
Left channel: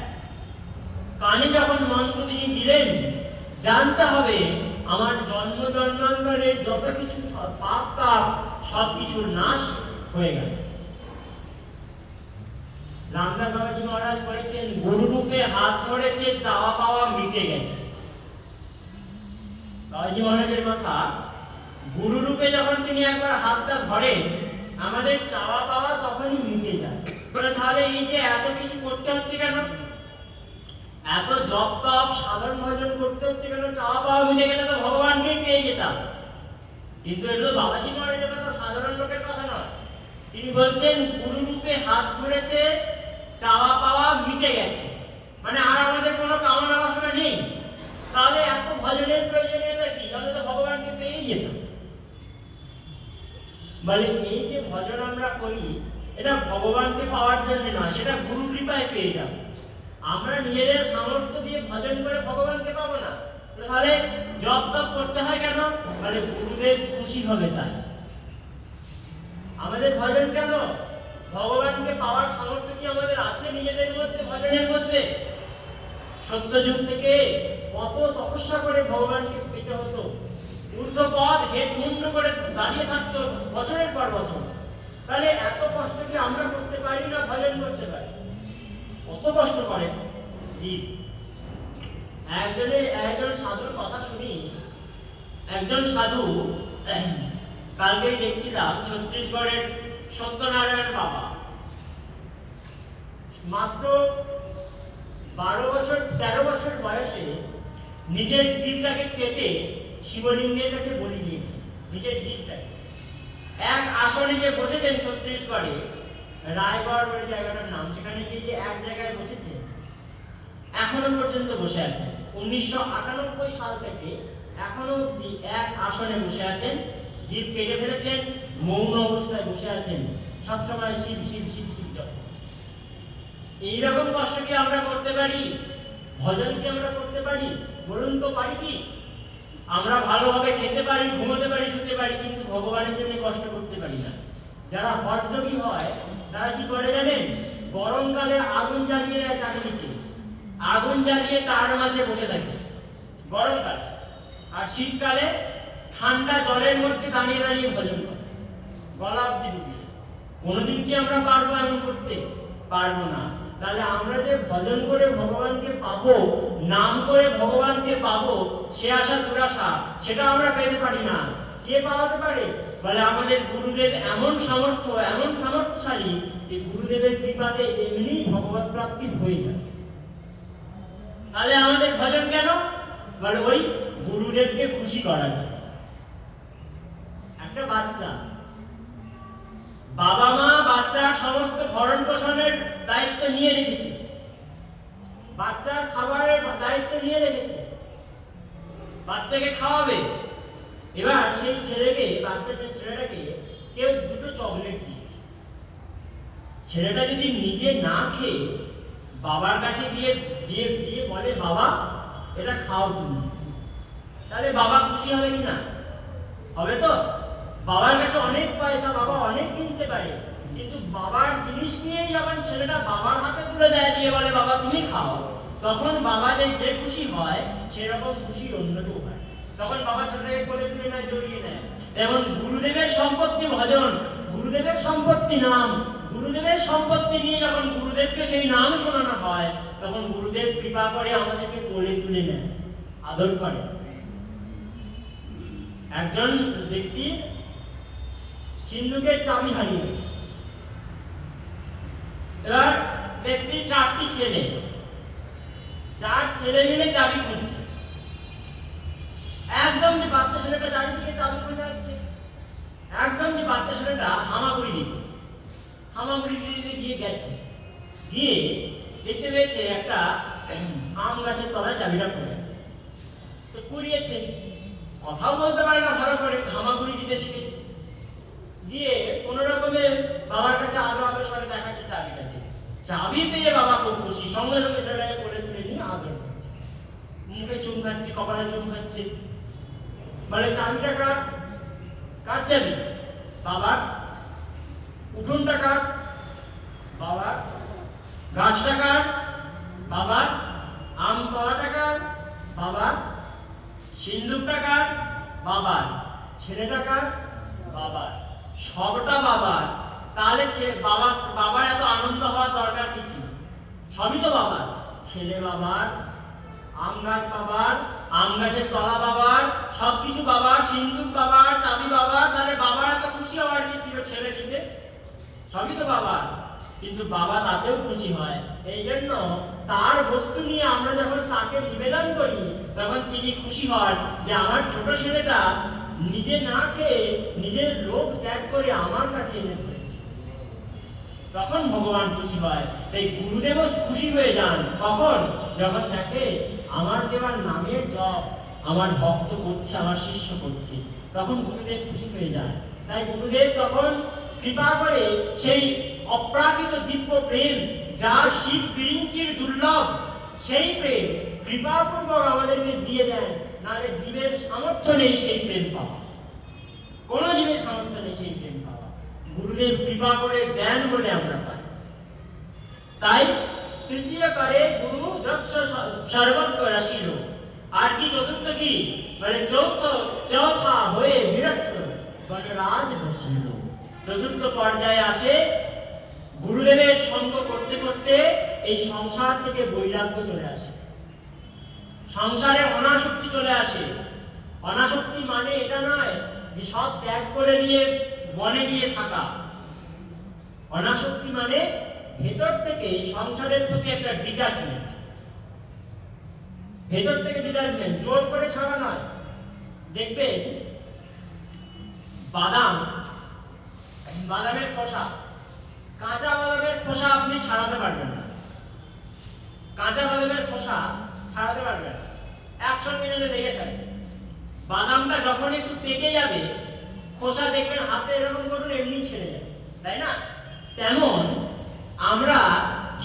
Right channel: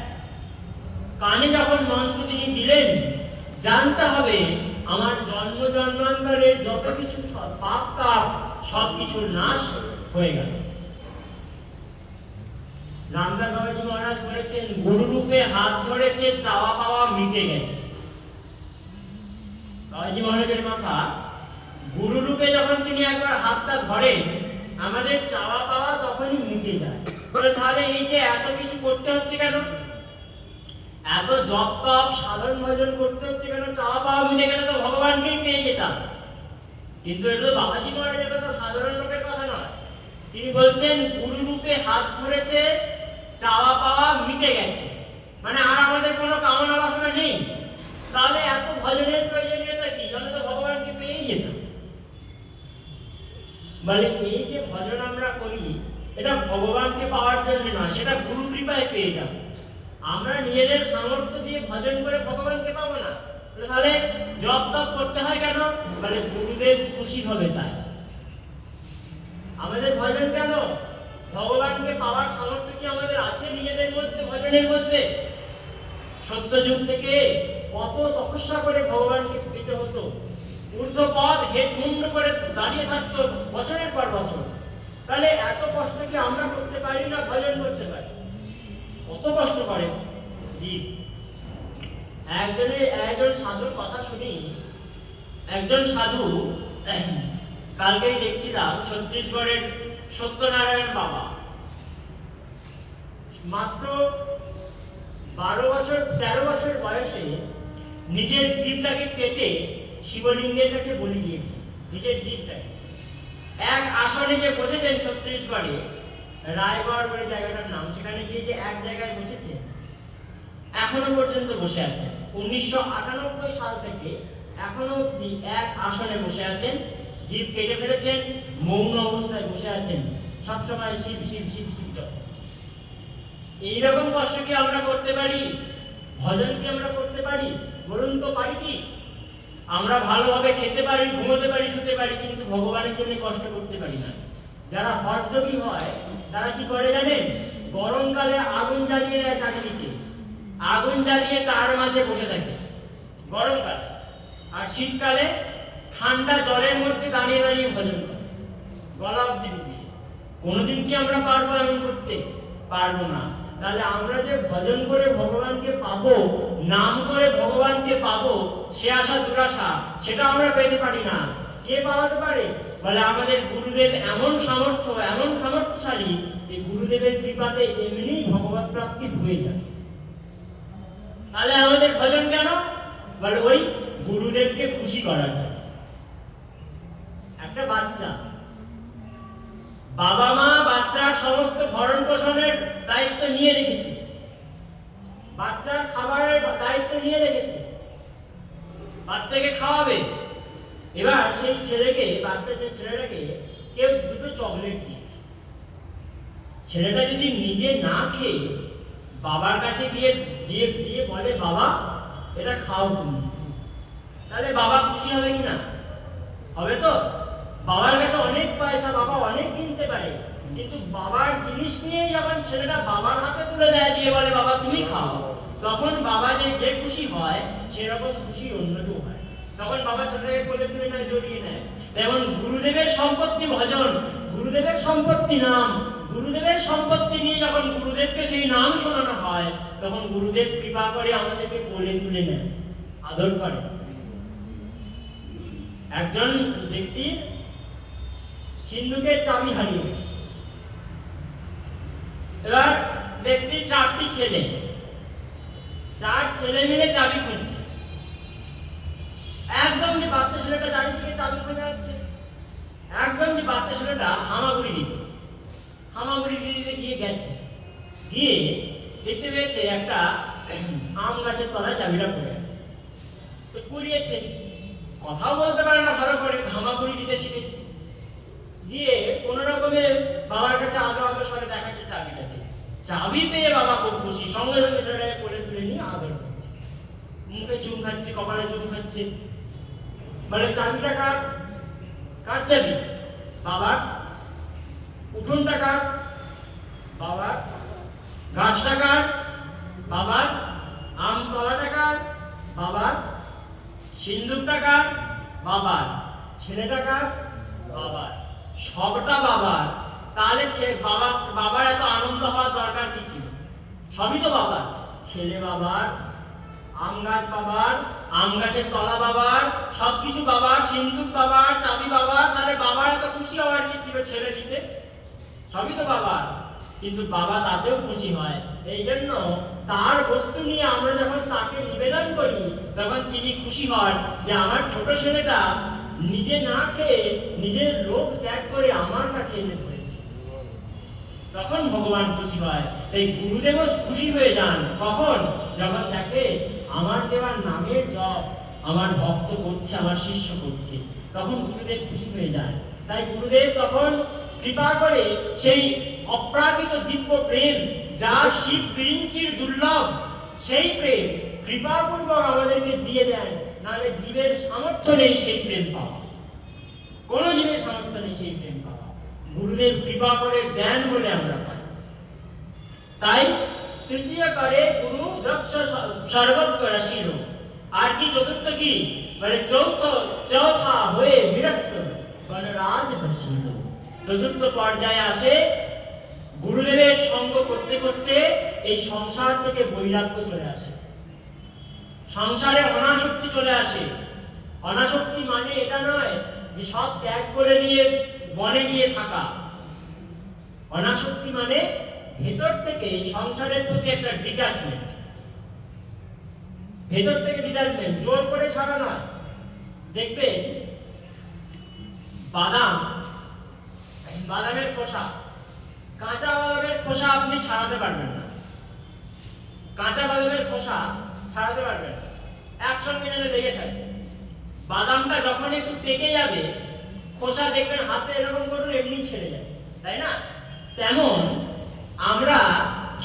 কানে যখন মন্ত্র তিনি দিলেন, জানতে হবে আমার জন্ম জন্মান্তরের যত কিছু পাপ তাপ সব কিছুর নাশ হয়ে গেছে। রামদাস বাবাজি মহারাজ বলেছেন, গুরু রূপে হাত ধরেছে, চাওয়া পাওয়া মিটে গেছে। বাবাজি মহারাজের কথা, গুরু রূপে যখন তিনি একবার হাতটা ধরেন, আমাদের চাওয়া পাওয়া তখনই মিটে যায়। বলে তাহলে এই যে এত কিছু করতে হচ্ছে কেন, এত জপ তপ সাধন ভজন করতে হচ্ছে কেন? চাওয়া পাওয়া মিটে গেলে তো ভগবানকেই পেয়ে যেতাম। কিন্তু এটা তো বাবাজি মহারাজের কথা, সাধারণ লোকের কথা নয়। তিনি বলছেন, গুরু রূপে হাত ধরেছে, চাওয়া পাওয়া মিটে গেছে, মানে আর আমাদের কোনো কামনা বাসনা নেই। তাহলে এত ভজনের প্রয়োজনীয়তা কি? আমি তো ভগবানকে পেয়েই যেতাম। মানে এই যে ভজন আমরা করি, এটা ভগবানকে পাওয়ার জন্য নয়, সেটা গুরু কৃপায় পেয়ে যাব। আমরা নিজেদের সামর্থ্য দিয়ে ভজন করে ভগবানকে পাবো না। তাহলে জপ তপ করতে হয় কেন? মানে গুরুদেব খুশি হবে তাই। আমাদের ভজন কেন? ভগবানকে পাওয়ার সামর্থ্য কি আমাদের আছে নিজেদের মধ্যে, ভজনের মধ্যে? সত্যযুগ থেকে কত তপস্যা করে ভগবানকে পেতে হতো। ঊর্ধ্বপদ হেট মুন্ড করে দাঁড়িয়ে থাকতো বছরের পর বছর। তাহলে এত কষ্ট কি আমরা করতে পারি না? ভজন করতে পারি। কত কষ্ট করে জীব। একজন সাধুর কথা শুনি। একজন সাধু, কালকেই দেখছিলাম, ছত্তিশগড়ের সত্যনারায়ণ বাবা মাত্র 13 বছর বয়সে নিজের জীবটাকে কেটে শিবলিঙ্গের কাছে বলি দিয়েছে। নিজের জীবটাকে এক আসনে যে বসেছেন ছত্তিশগড়ে, রায়গড় বলে জায়গাটার নাম, সেখানে গিয়ে যে এক জায়গায় বসেছে, এখনো পর্যন্ত বসে আছেন। 1998 সাল থেকে এখনো অব্দি এক আসনে বসে আছেন। জীব কেটে ফেলেছেন, মৌন অবস্থায় বসে আছেন, সবসময় শিব শিব শিব শিব। এইরকম কষ্ট কি আমরা করতে পারি? ভজন কি আমরা করতে পারি? বলুন তো, পারি কি? আমরা ভালোভাবে খেতে পারি, ঘুমোতে পারি, শুতে পারি, কিন্তু ভগবানের জন্য কষ্ট করতে পারি না। যারা হঠযোগী হয় তারা কি করে জানেন? গরমকালে আগুন জ্বালিয়ে দেয় চাকরিতে, আগুন জ্বালিয়ে তার মাঝে বসে থাকে গরমকালে, আর শীতকালে ঠান্ডা জলের মধ্যে দাঁড়িয়ে দাঁড়িয়ে ভজন করে, গলা অব্দি ডুবিয়ে। কোনোদিন কি আমরা পারবো এমন করতে? পারবো না। তাহলে আমরা যে ভজন করে ভগবানকে পাবো, নাম করে ভগবানকে পাবো, সে আশা দুরাশা, সেটা আমরা পেতে পারি না। কে পাওয়াতে পারে? বলে আমাদের গুরুদেব এমন সামর্থ্যশালী যে গুরুদেবের কৃপাতে এমনি ভগবত প্রাপ্তি হয়ে যায়। তাহলে আমাদের ভজন কেন? বলে ওই গুরুদেবকে খুশি করার জন্য। একটা বাচ্চা, বাবা মা বাচ্চার সমস্ত ভরণ পোষণের দায়িত্ব নিয়ে রেখেছে, বাচ্চার খাবারের দায়িত্ব নিয়ে রেখেছে, বাচ্চাকে খাওয়াবে। এবার সেই ছেলেটাকে কেউ দুটো চকলেট দিয়েছে। ছেলেটা যদি নিজে না খেয়ে বাবার কাছে গিয়ে দিয়ে বলে, বাবা এটা খাও তুমি, তাহলে বাবা খুশি হবে কিনা? হবে তো। বাবার কাছে অনেক পয়সা, বাবা অনেক কিনতে পারে, কিন্তু বাবার জিনিস নিয়ে যখন ছেলেটা বাবার হাতে তুলে দেয়, দিয়ে বলে বাবা তুমি খাও, তখন বাবা যে খুশি হয় সেরকম খুশি অন্য কেউ হয়। তখন বাবা ছেলেটাকে কোলে তুলে নেয়, জড়িয়ে নেয়। যেমন গুরুদেবের সম্পত্তি ভজন, গুরুদেবের সম্পত্তি নাম, গুরুদেবের সম্পত্তি নিয়ে যখন গুরুদেবকে সেই নাম শোনানো হয়, তখন গুরুদেব কৃপা করে আমাদেরকে কোলে তুলে নেয়, আদর করে। একজন ব্যক্তি সিন্ধুকের চাবি হারিয়ে গেছে। এবার ব্যক্তির 4টি ছেলে, 4 ছেলে মিলে চাবি খুঁজছে। একদম যে বাচ্চা ছেলেটা চারিদিকে চাবি খুঁজে যাচ্ছে, একদম যে বাচ্চা ছেলেটা হামাগুড়ি দিতে গিয়ে গেছে, গিয়ে দেখতে পেয়েছে একটা আম গাছের তলায় চাবিটা পড়ে গেছে। তো কুড়িয়েছে, কথাও বলতে পারে না ভালো করে, হামাগুড়ি দিতে শিখেছে। দিয়ে কোন রকমে বাবার কাছে আদো সরে দেখাচ্ছে চাবিটাকে। চাবি পেয়ে বাবা খুব খুশি, সঙ্গে সঙ্গে সেটাকে করে তুলে নিয়ে আদর করছে, মুখে চুম খাচ্ছে, কপালে চুম খাচ্ছে। মানে চাবিটা কার চাবি? বাবার। উঠোনটা কার? বাবার। গাছটা কার? বাবার। আমতলাটা কার? বাবার। সিন্দুকটা কার? বাবার। ছেলেটা কার? বাবার। সবটা বাবার। তাহলে বাবার এত আনন্দ হওয়ার দরকার কি ছিল? সবই তো বাবার। ছেলে বাবার, আম গাছ বাবার, আম গাছের তলা বাবার, সবকিছু বাবার, সিন্দুক বাবার, চাবি বাবার। তাহলে বাবার এত খুশি হওয়ার কি ছিল ছেলে দিতে? সবই তো বাবার। কিন্তু বাবা তাতেও খুশি হয়। এই জন্য তার বস্তু নিয়ে আমরা যখন তাকে নিবেদন করি, তখন তিনি খুশি হন যে আমার ছোট ছেলেটা নিজে না খেয়ে নিজের লোভ ত্যাগ করে আমার কাছে এনে ধরেছে। তখন ভগবান খুশি হয়। সেই গুরুদেবও খুশি হয়ে যান। কখন? যখন দেখে আমার দেওয়ার নামের জপ আমার ভক্ত করছে, আমার শিষ্য করছে, তখন গুরুদেব খুশি হয়ে যায়। তাই গুরুদেব তখন কৃপা করে সেই অপ্রাকৃত দিব্য প্রেম, যা শিব বিরিঞ্চির দুর্লভ, সেই প্রেম কৃপাপূর্বক আমাদেরকে দিয়ে দেন। নাহলে জীবের সামর্থ্য নেই সেই প্রেম পাওয়া, কোন জীবের সামর্থ্য নেই সেই প্রেম পাওয়া। গুরুদেব কৃপা করে দেন বলে আমরা পাই। তাই তৃতীয় করে গুরু দক্ষ সর্বজ্ঞ রাশির। আর কি চতুর্থ কি? মানে চৌথা হয়ে বিরক্ত গণরাজ বসিল। চতুর্থ পর্যায়ে আসে গুরুদেবের সঙ্গ করতে করতে এই সংসার থেকে বৈরাগ্য চলে আসে, সংসারে অনাসক্তি চলে আসে। অনাসক্তি মানে এটা নয় যে সব ত্যাগ করে দিয়ে বনে গিয়ে থাকা। অনাসক্তি মানে ভেতর থেকে সংসারের প্রতি একটা ডিটাচমেন্ট, ভেতর থেকে ডিটাচমেন্ট, জোর করে ছাড়া নয়। দেখবেন বাদামের খোসা, কাঁচা বাদামের খোসা আপনি ছাড়াতে পারবেন না, কাঁচা বাদামের খোসা ছাড়াতে পারবেন না, একসঙ্গে যদি লেগে থাকে। বাদামটা যখন একটু পেকে যাবে, খোসা দেখবেন হাতে এরকম করুন এমনি ছেড়ে যায়, তাই না? তেমন আমরা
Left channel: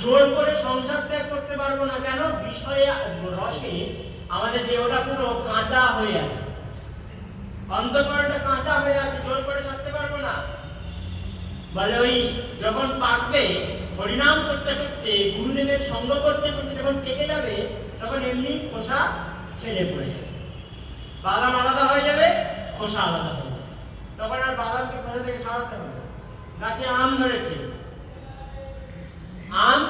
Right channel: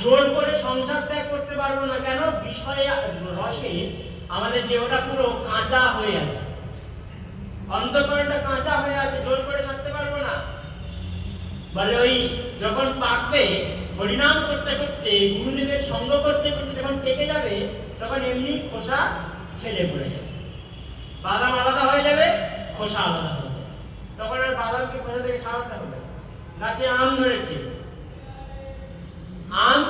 জোর করে সংসার ত্যাগ করতে পারবো না। কেন? বিষয়ে রসে আমাদের দেহটা পুরো কাঁচা হয়ে আছে, অন্তঃকরণটা কাঁচা হয়ে আছে, জোর করে ছাড়তে পারবো না। বলে ওই যখন পাকবে, হরিনাম করতে করতে, গুরুদেবের সঙ্গ করতে করতে যখন পেকে যাবে, তখন এমনি খোসা ছেড়ে পড়ে যাবে, বাদাম আলাদা হয়ে যাবে, খোসা আলাদা হয়ে যাবে। তখন আর বাদামকে খোসা থেকে ছাড়াতে হবে। গাছে আম ধরেছে, আম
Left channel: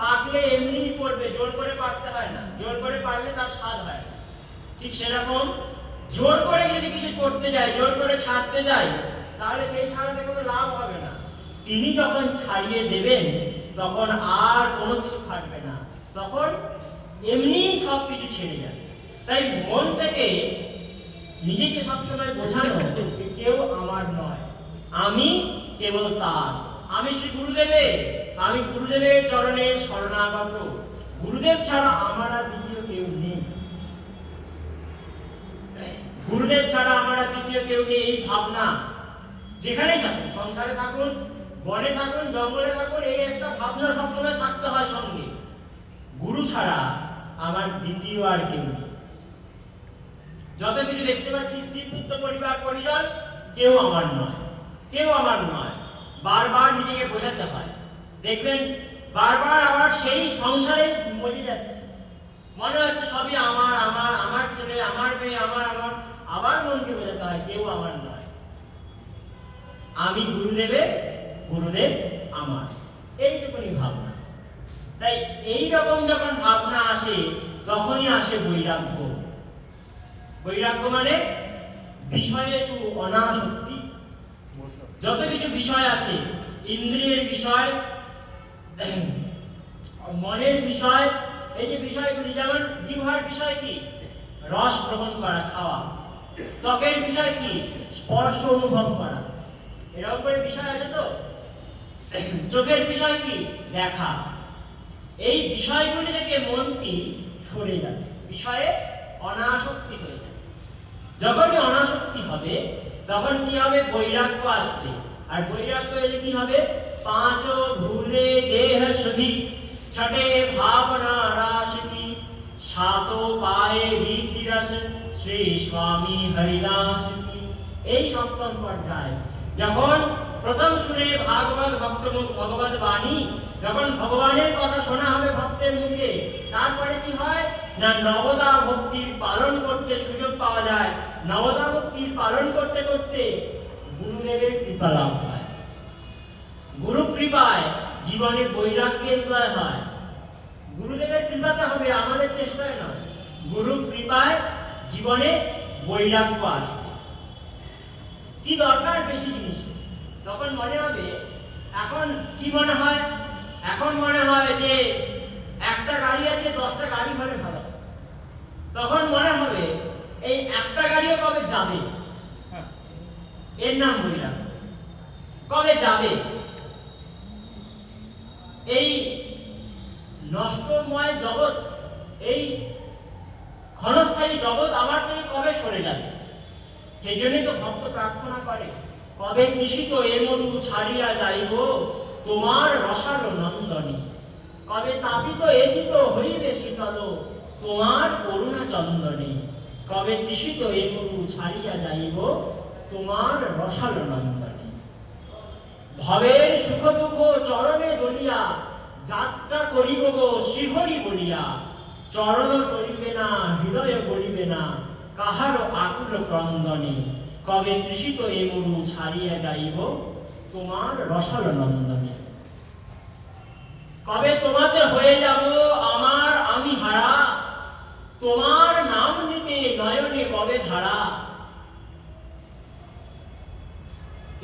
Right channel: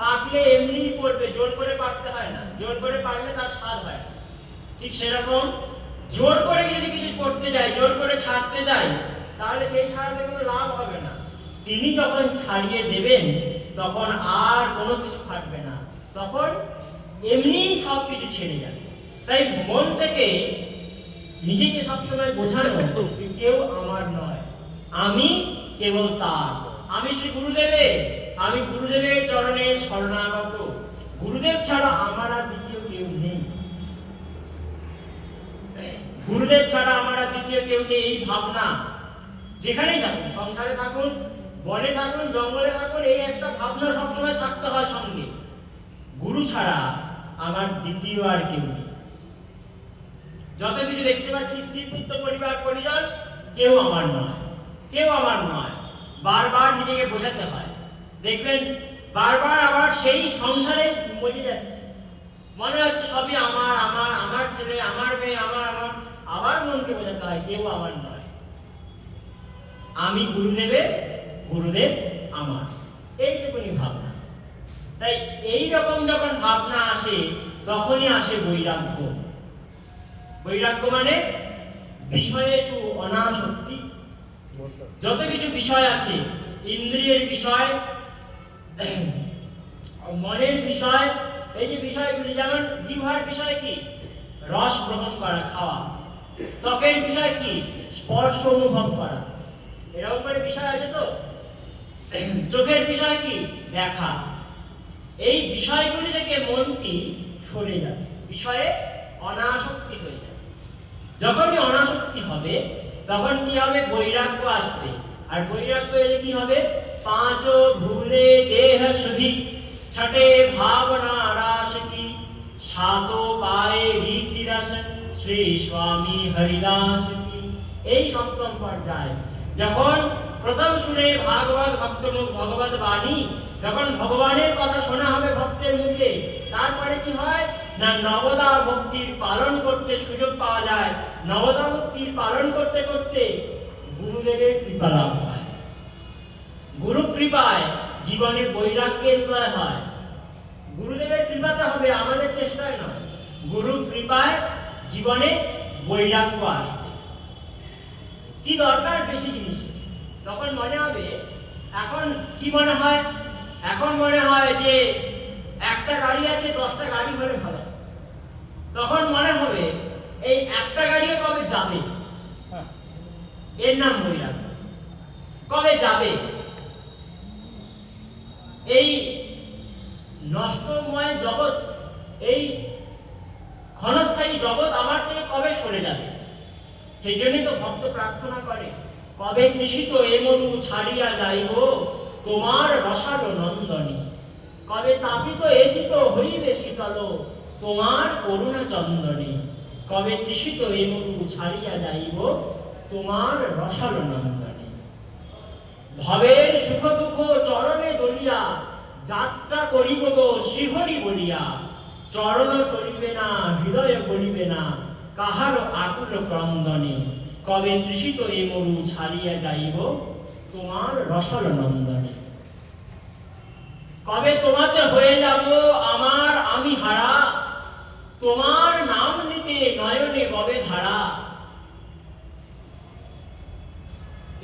পাকলে এমনি পড়বে, জোর করে পাকতে হয় না, জোর করে পাকলে তার স্বাদ হয়। ঠিক সেরকম জোর করে যদি কিছু করতে যায়, জোর করে ছাড়তে যাই, তাহলে সেই ছাড়াতে কোনো লাভ হবে না। তিনি যখন ছাড়িয়ে দেবেন, তখন আর কোনো কিছু থাকবে না, তখন এমনি সব কিছু ছেড়ে যাবে। তাই মন থেকে নিজেকে সবসময় বোঝানো যে কেউ আমার নয়, আমি কেবল তার। আমি শ্রী গুরুদেবের, আমি গুরুদেবের চরণে শরণাগত। গুরুদেব ছাড়া আমার আর দ্বিতীয় কেউ নেই, গুরুদেব ছাড়া আমার আর দ্বিতীয় কেউ নেই। এই ভাবনা যেখানেই থাকুন, সংসারে থাকুন, বনে থাকুন, জঙ্গলে থাকুন, এই একটা ভাবনা সবসময় থাকতে হয় সঙ্গে। গুরু ছাড়া আমার দ্বিতীয় আর কেউ নেই। যত কিছু দেখতে পাচ্ছি, স্ত্রীপুত্র পরিবার পরিজন, কেউ আমার নয়, কেউ আমার নয়। বারবার নিজেকে বোঝাতে হয়। দেখবেন বারবার আবার সেই সংসারে মজে যাচ্ছে, মনে হচ্ছে সবই আমার, আমার, আমার ছেলে, আমার মেয়ে, আমার, আমার। আবার মনকে বোঝাতে হয় কেউ আমার নয়, আমি গুরুদেবের, গুরুদেব আমার। এইটুকুনি ভাবনা। তাই এই রকম যখন ভাবনা আসে, তখনই আসে বৈরাগ্য। বৈরাগ্য মানে বিষয়েষু অনাসক্তি। যত কিছু বিষয় আছে, ইন্দ্রিয়ের বিষয়, মনের বিষয়, এই যে বিষয়গুলি, যেমন জিহ্বার বিষয় কি? রস গ্রহণ করা, খাওয়া। ত্বকের বিষয় কি? স্পর্শ অনুভব করা। এরকম করে বিষয় আছে তো। চোখের বিষয় কি? দেখা। এই বিষয়গুলি থেকে মনটি সরে যাবে, বিষয়ে অনাসক্তি হয়ে যাবে। যখনই অনাসক্তি হবে তখন কি হবে? বৈরাগ্য আসবে। আর বৈরাগ্য এলে কি হবে? পাঁচ ভুলে দেহ শুধি, ছটে ভাবনা রাস কি, সাত পায়ে রীতি রস, শ্রী স্বামী হরিদাস কি। এই সপ্তম পর্যায় যখন প্রথম সুরে ভাগবত ভক্তমুখ ভগবত বাণী, যখন ভগবানের কথা শোনা হবে ভক্তের মুখে, তারপরে কি হয় না নবদা ভক্তির পালন করতে সুযোগ পাওয়া যায়। নবদা ভক্তির পালন করতে করতে গুরুদেবের কৃপা লাভ হয়। গুরু কৃপায় জীবনে বৈরাগ্যের উদয় হয়। গুরুদেবের কৃপাতে হবে, আমাদের চেষ্টায় নয়। গুরু কৃপায় জীবনে বৈরাগ্য আসবে। কি দরকার বেশি জিনিস? তখন মনে হবে, এখন কি মনে হয়? এখন মনে হয় যে একটা গাড়ি আছে, 10টা গাড়ি হলে ভালো। তখন মনে হবে এই একটা গাড়িও কবে যাবে, এর নাম বৈরাগ্য। কবে যাবে? এই নষ্টময় জগৎ, এই ক্ষণস্থায়ী জগৎ আমার থেকে কবে সরে যাবে? সেই জন্যই তো ভক্ত প্রার্থনা করে, কবে নিশিত এ মরু ছাড়িয়া যাইব তোমার রসালো নন্দনী, কবে তাপিত এচিত হইবে শীতল তোমার করুণা চন্দনী, কবে তৃষিত এ মরু ছাড়িয়া যাইব তোমার রসালো নন্দনী। ভবের সুখ দুঃখ চরণে দলিয়া যাত্রা করিব গো শ্রীহরি বলিয়া, চরণ করিবে না হৃদয় বলিবে না কাহারো আকুল ক্রন্দনে, কবে তৃষিত এ মরু ছাড়িয়া যাইব তোমার রসাল নন্দনে। কবে তোমাতে হয়ে যাব আমার আমি হারা, তোমার নাম নিতে নয়নে কবে ধারা,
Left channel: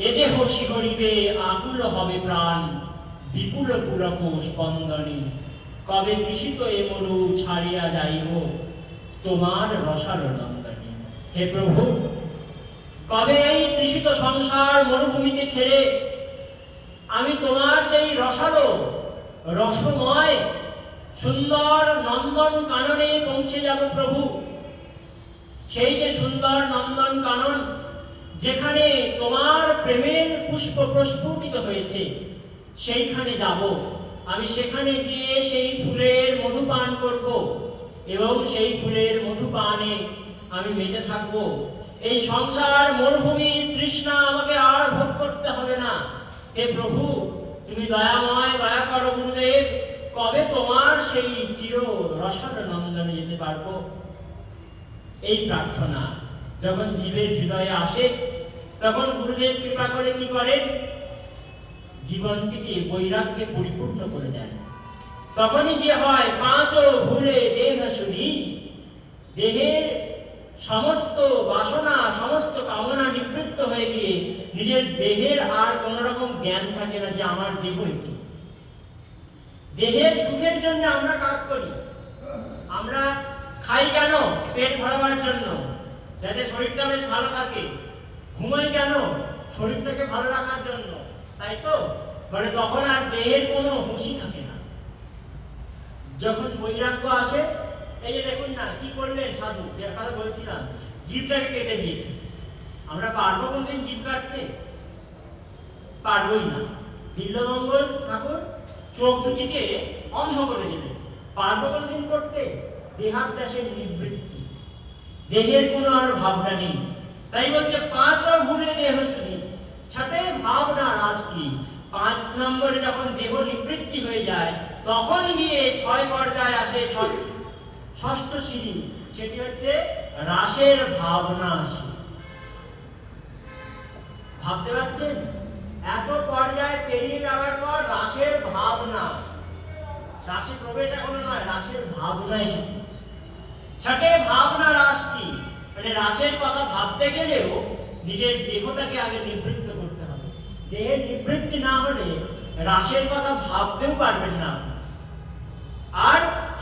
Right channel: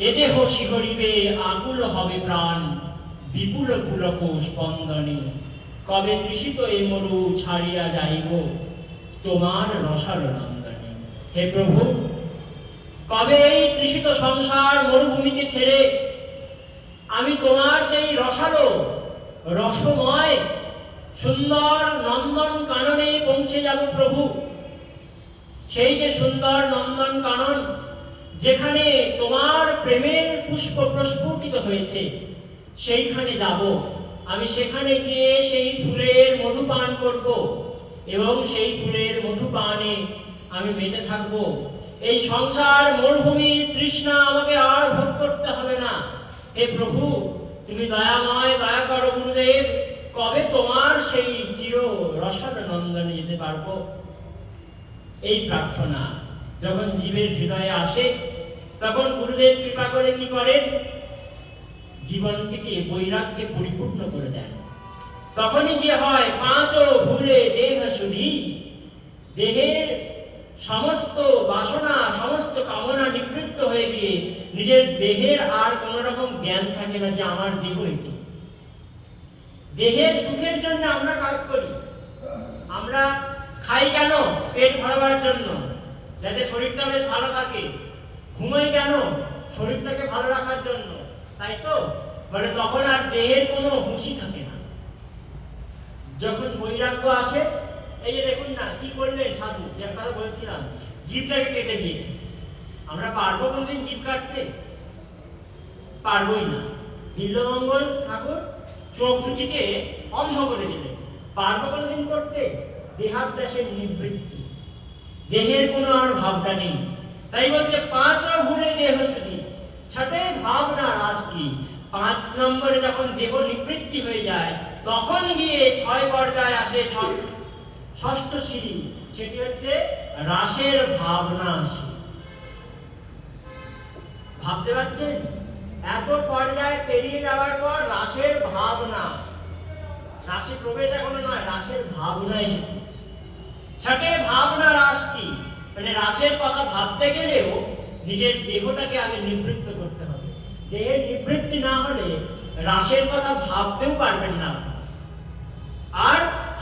এ দেহ শিহরিবে আকুল হবে প্রাণ বিপুল পুলক স্পন্দনে, কবে তৃষিত এ মরু ছাড়িয়া যাইব তোমার রসাল নন্দনে। হে প্রভু, কবে এই তৃষিত সংসার মরুভূমিকে ছেড়ে আমি তোমার সেই রসালো রসময় সুন্দর নন্দন কাননে পৌঁছে যাব প্রভু। সেই যে সুন্দর নন্দন কানন, যেখানে তোমার প্রেমের পুষ্প প্রস্ফুটিত হয়েছে, সেইখানে যাব আমি। সেখানে গিয়ে সেই ফুলের মধু পান করব এবং সেই ফুলের মধু পানে আমি মেতে থাকব। এই সংসার মরুভূমির তৃষ্ণা আমাকে আর ভোগ করতে হবে না। হে প্রভু, তুমি দয়াময়, দয়া করো গুরুদেব। কবে তোমার সেই চির রসাল নন্দনে যেতে পারবো? এই প্রার্থনা যখন জীবের হৃদয়ে আসে, তখন গুরুদেব কৃপা করে কি করেন? জীবন থেকে বৈরাগ্যে পরিপূর্ণ করে দেন। তখনই কি হয়? পাঁচ ভুলে দেহ শুধি, দেহের সমস্ত বাসনা সমস্ত কামনা নিবৃত্ত হয়ে গিয়ে নিজের দেহের আর কোন রকম জ্ঞান থাকে না যে আমার দেহ এটি। দেহের সুখের জন্য আমরা কাজ করি। আমরা খাই কেন? পেট ভরাবার জন্য, যাতে শরীরটা বেশ ভালো থাকে। ঘুমাই কেন? শরীরটাকে ভালো রাখার জন্য, তাই তো? মানে তখন আর দেহের কোনো হুঁশি থাকে না। যখন বৈরাগ্য আসে, এই যে দেখুন না কি করলেন সাধু, যে কথা বলছিলাম, জীবটাকে কেটে দিয়েছে। আমরা পারবো কোনদিন জীব কাটতে? পারবই না। বিল্বমঙ্গল ঠাকুর চোখ দুটিকে অন্ধ করে দিলেন। পারবো কোনদিন করতে? দেহাত্যাসের নিবৃত্তি, দেহের কোনো আর ভাবনা নেই। তাই বলছে পাঁচ ভুলে দেহ শুধি, ছটে ভাবনা রাস কি। 5 নম্বরে যখন দেহ নিবৃত্তি হয়ে যায়, তখন গিয়ে 6 পর্যায়ে আসে ষষ্ঠ সিঁড়ি, সেটি হচ্ছে রাসের ভাবনা আসে। ভাবতে পারছেন? এত পর্যায়ে পেরিয়ে যাওয়ার পর রাসের ভাবনা, রাসে প্রবেশ এখনো নয়, রাসের ভাবনা এসেছে। ছটে ভাবনা রাস কি, মানে রাসের কথা ভাবতে গেলেও নিজের দেহটাকে আগে নিবৃত্ত করতে হবে। দেহের নিবৃত্তি না হলে রাসের কথা ভাবতেও পারবেন না। আর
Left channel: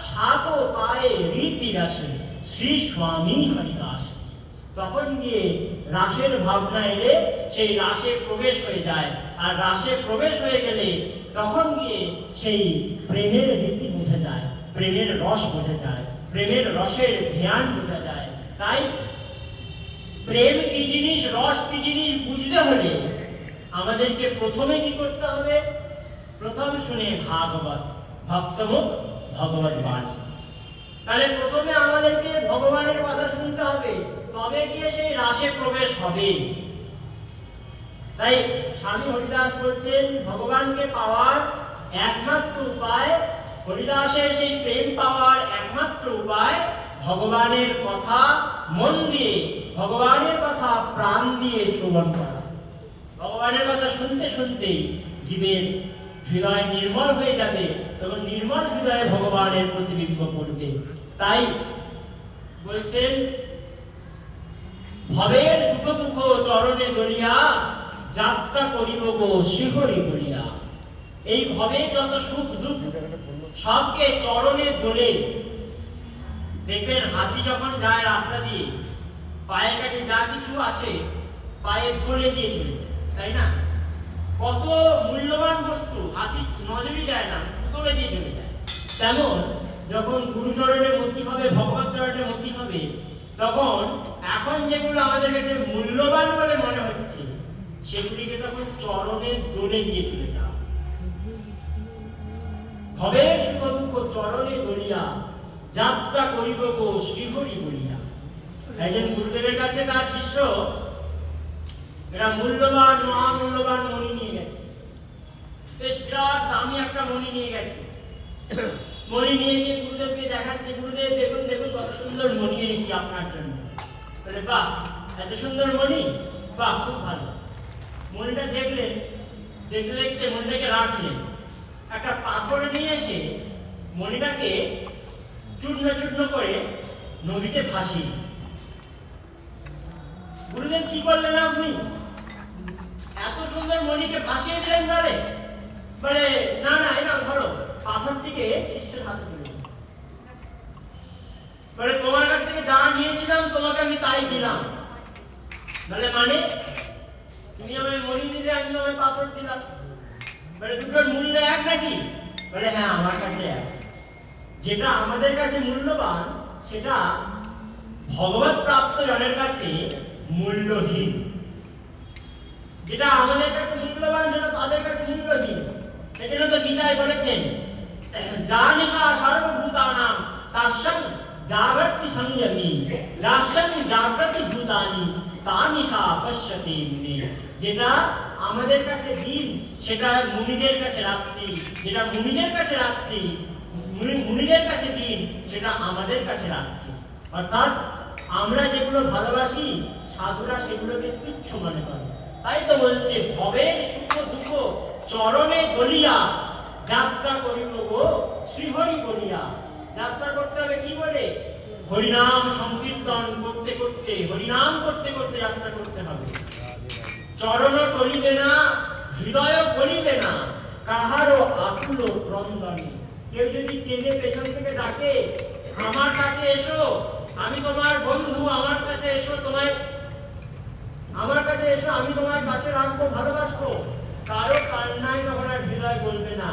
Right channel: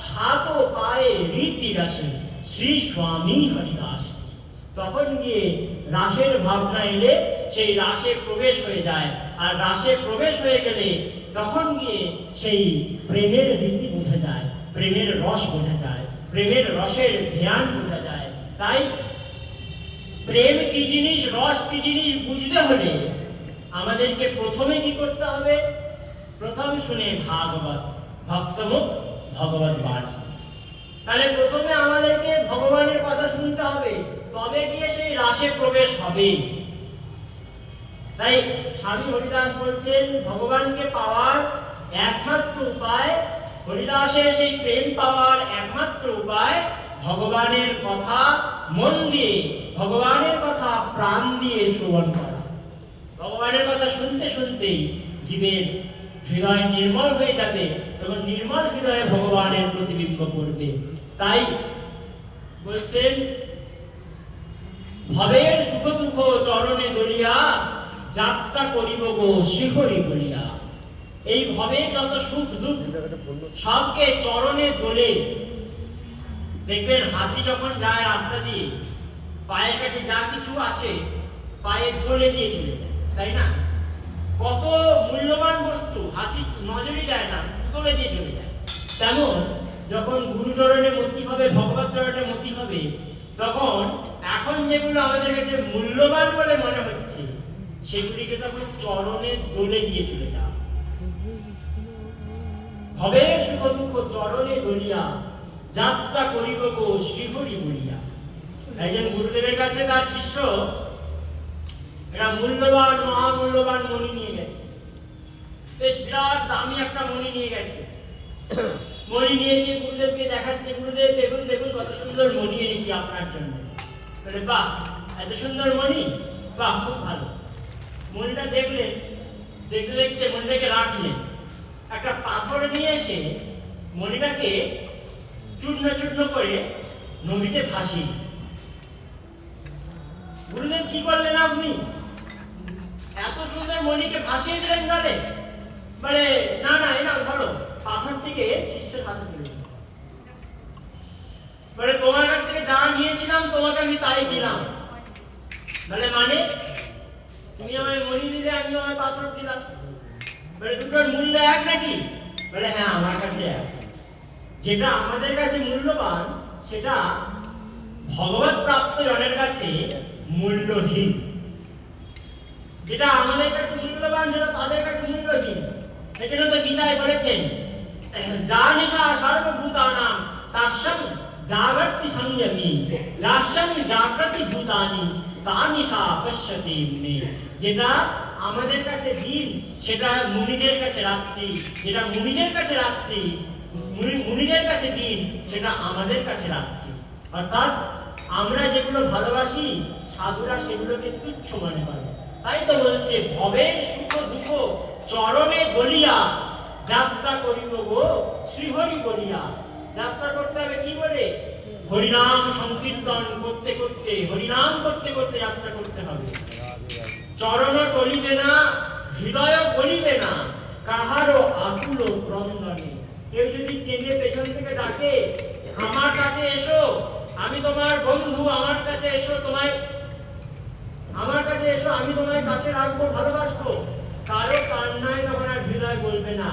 7 পায়ে রীতি রাসে, শ্রী স্বামী হরিদাস। তখন গিয়ে রাসের ভাবনা এলে সেই রাসে প্রবেশ হয়ে যায়, আর রাসে প্রবেশ হয়ে গেলে তখন গিয়ে সেই প্রেমের রীতি বোঝা যায়, প্রেমের রস বোঝা যায়, প্রেমের রসের ধ্যান বোঝা যায়। তাই প্রেম কি জিনিস, রস কি জিনিস বুঝতে হলে আমাদেরকে প্রথমে কি করতে হবে? প্রথম শুনে ভাগবত, ভক্তমুখ ভগবত বাণী। তাহলে প্রথমে আমাদেরকে ভগবানের কথা শুনতে হবে, তবে গিয়ে সেই রাসে প্রবেশ হবে। তাই স্বামী হরিদাস বলছেন ভগবানকে পাওয়ার একমাত্র উপায়, হরিদাসের সেই প্রেম পাওয়ার একমাত্র উপায় ভগবানের কথা মন দিয়ে, ভগবানের কথা প্রাণ দিয়ে শ্রবণ করা। ভগবানের কথা শুনতে শুনতেই জীবের হৃদয় নির্মল হয়ে যাবে, তখন নির্মল হৃদয়ে ভগবানের প্রতিবিম্ব করবে। তাই বলছেন ভবের সুখ দুঃখ চরণে দলিয়া যাত্রা করিব গো শ্রীহরি বলিয়া। এই ভবের যত সুখ দুঃখ সবকে চরণে দোলে। দেখবেন হাতি যখন যায় রাস্তা দিয়ে, পায়ের কাছে যা কিছু আছে পায়ে দোলে দিয়ে চলে যায়, তাই না? কত মূল্যবান বস্তু হাতি নজরই দেয় না, দোলে দিয়ে চলে যায়। তেমন যখন গুরুচরণে মতি হবে, ভগবত চরণে মতি হবে, তখন এখন যেগুলো আমাদের কাছে মূল্যবান বলে মনে হচ্ছে সেগুলিকে তখন চরণে দোলে দিয়ে চলে যাও। ভবের সুখ দুঃখ চরণে দলিয়া যাত্রা করিব গো শ্রীহরি বলিয়া। একজন গুরুদেবের কাছে তার শিষ্য এরা মূল্যবান মহামূল্যবান মণি নিয়ে গেছে, বেশ বিরাট দামি একটা মণি নিয়ে গেছে। মণি নিয়ে গিয়ে গুরুদেবকে দেখাচ্ছে, গুরুদেব দেখুন দেখুন কত সুন্দর মণি এনেছি আপনার জন্য। বলে বাহ, এত সুন্দর মণি, বাহ খুব ভালো। মণিটা দেখলেন, দেখতে দেখতে মণিটাকে রাখলেন, একটা পাথর নিয়ে এসে মণিটাকে চূর্ণ চূর্ণ করে নদীতে ভাসিয়ে। গুরুদেব কি করলেন আপনি? এত সুন্দর মণিকে ভাসিয়ে দিলেন জলে? বলে না না, এই না ধরো। পাথরটিকে শিষ্যের হাতে তুলে দিল। বলে তোমার কাছ থেকে যা নিয়েছিলাম তোমাকে আমি তাই দিলাম। বলে মানে? তুমি আমায় মণি দিলে, আমি আমায় পাথর দিলাম। বলে দুটোর মূল্য এক নাকি? বলে হ্যাঁ, আমার কাছে এক। যেটা আমাদের কাছে মূল্যবান সেটা ভগবত প্রাপ্ত জনের কাছে মূল্যহীন। যেটা আমাদের কাছে মূল্যবান সেটা তাদের কাছে মূল্যহীন। সেজন্য তো গীতায় বলেছেন যা নিশা সর্বভূতানাম তাস্যাং জাগ্রতি সংযমী রাষ্ট্রং জাগ্রতি ভূতানি তা নিশা পশ্যতি মুনি। যেটা আমাদের কাছে দিন সেটা মুনিদের কাছে রাত্রি, যেটা মুনিদের কাছে রাত্রি, মুনিদের কাছে দিন সেটা আমাদের কাছে রাত্রি। অর্থাৎ আমরা যেগুলো ভালোবাসি সাধুরা সেগুলোকে তুচ্ছ মনে করে। তাই তো বলছে ভবের সুখ দুঃখ চরণে গলিয়া যাত্রা করিব গো শ্রীহরি বলিয়া। যাত্রা করতে হবে কি বলে? হরিনাম সংকীর্তন করতে করতে, হরিনাম করতে করতে যাত্রা করতে হবে। চরণ করিবে না, হৃদয় করিবে না, কাহারও আকুল ক্রন্দনে। কেউ যদি কেঁদে পেছন থেকে ডাকে আমার কাছে এসো, আমি তোমার বন্ধু, আমার কাছে এসো, আমার কাছে এসো, আমি তোমার কাছে রাখবো, ভালোবাসবো, কারো কান্নায় তখন আর হৃদয় বলবে না।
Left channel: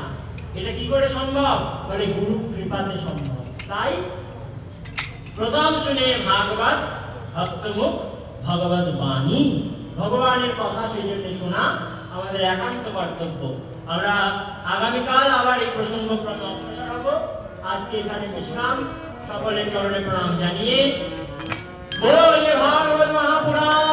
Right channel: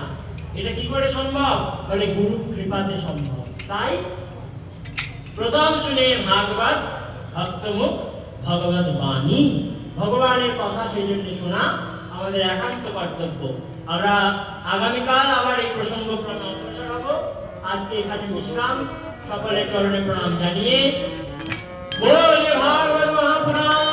এটা কি করে সম্ভব? বলে গুরু কৃপাতে সম্ভব। তাই প্রথম শুনে ভাগবত, ভক্তমুখ ভগবত বাণী, ভগবানের কথা সেই জন্য শোনা আমাদের একান্ত কর্তব্য। আমরা আগামীকাল আবার এই প্রসঙ্গ অগ্রসর হব। আজকে এখানে বিশ্রাম। সকলের চরণে প্রণাম জানিয়ে বলে ভাগবত মহাপুরাণ।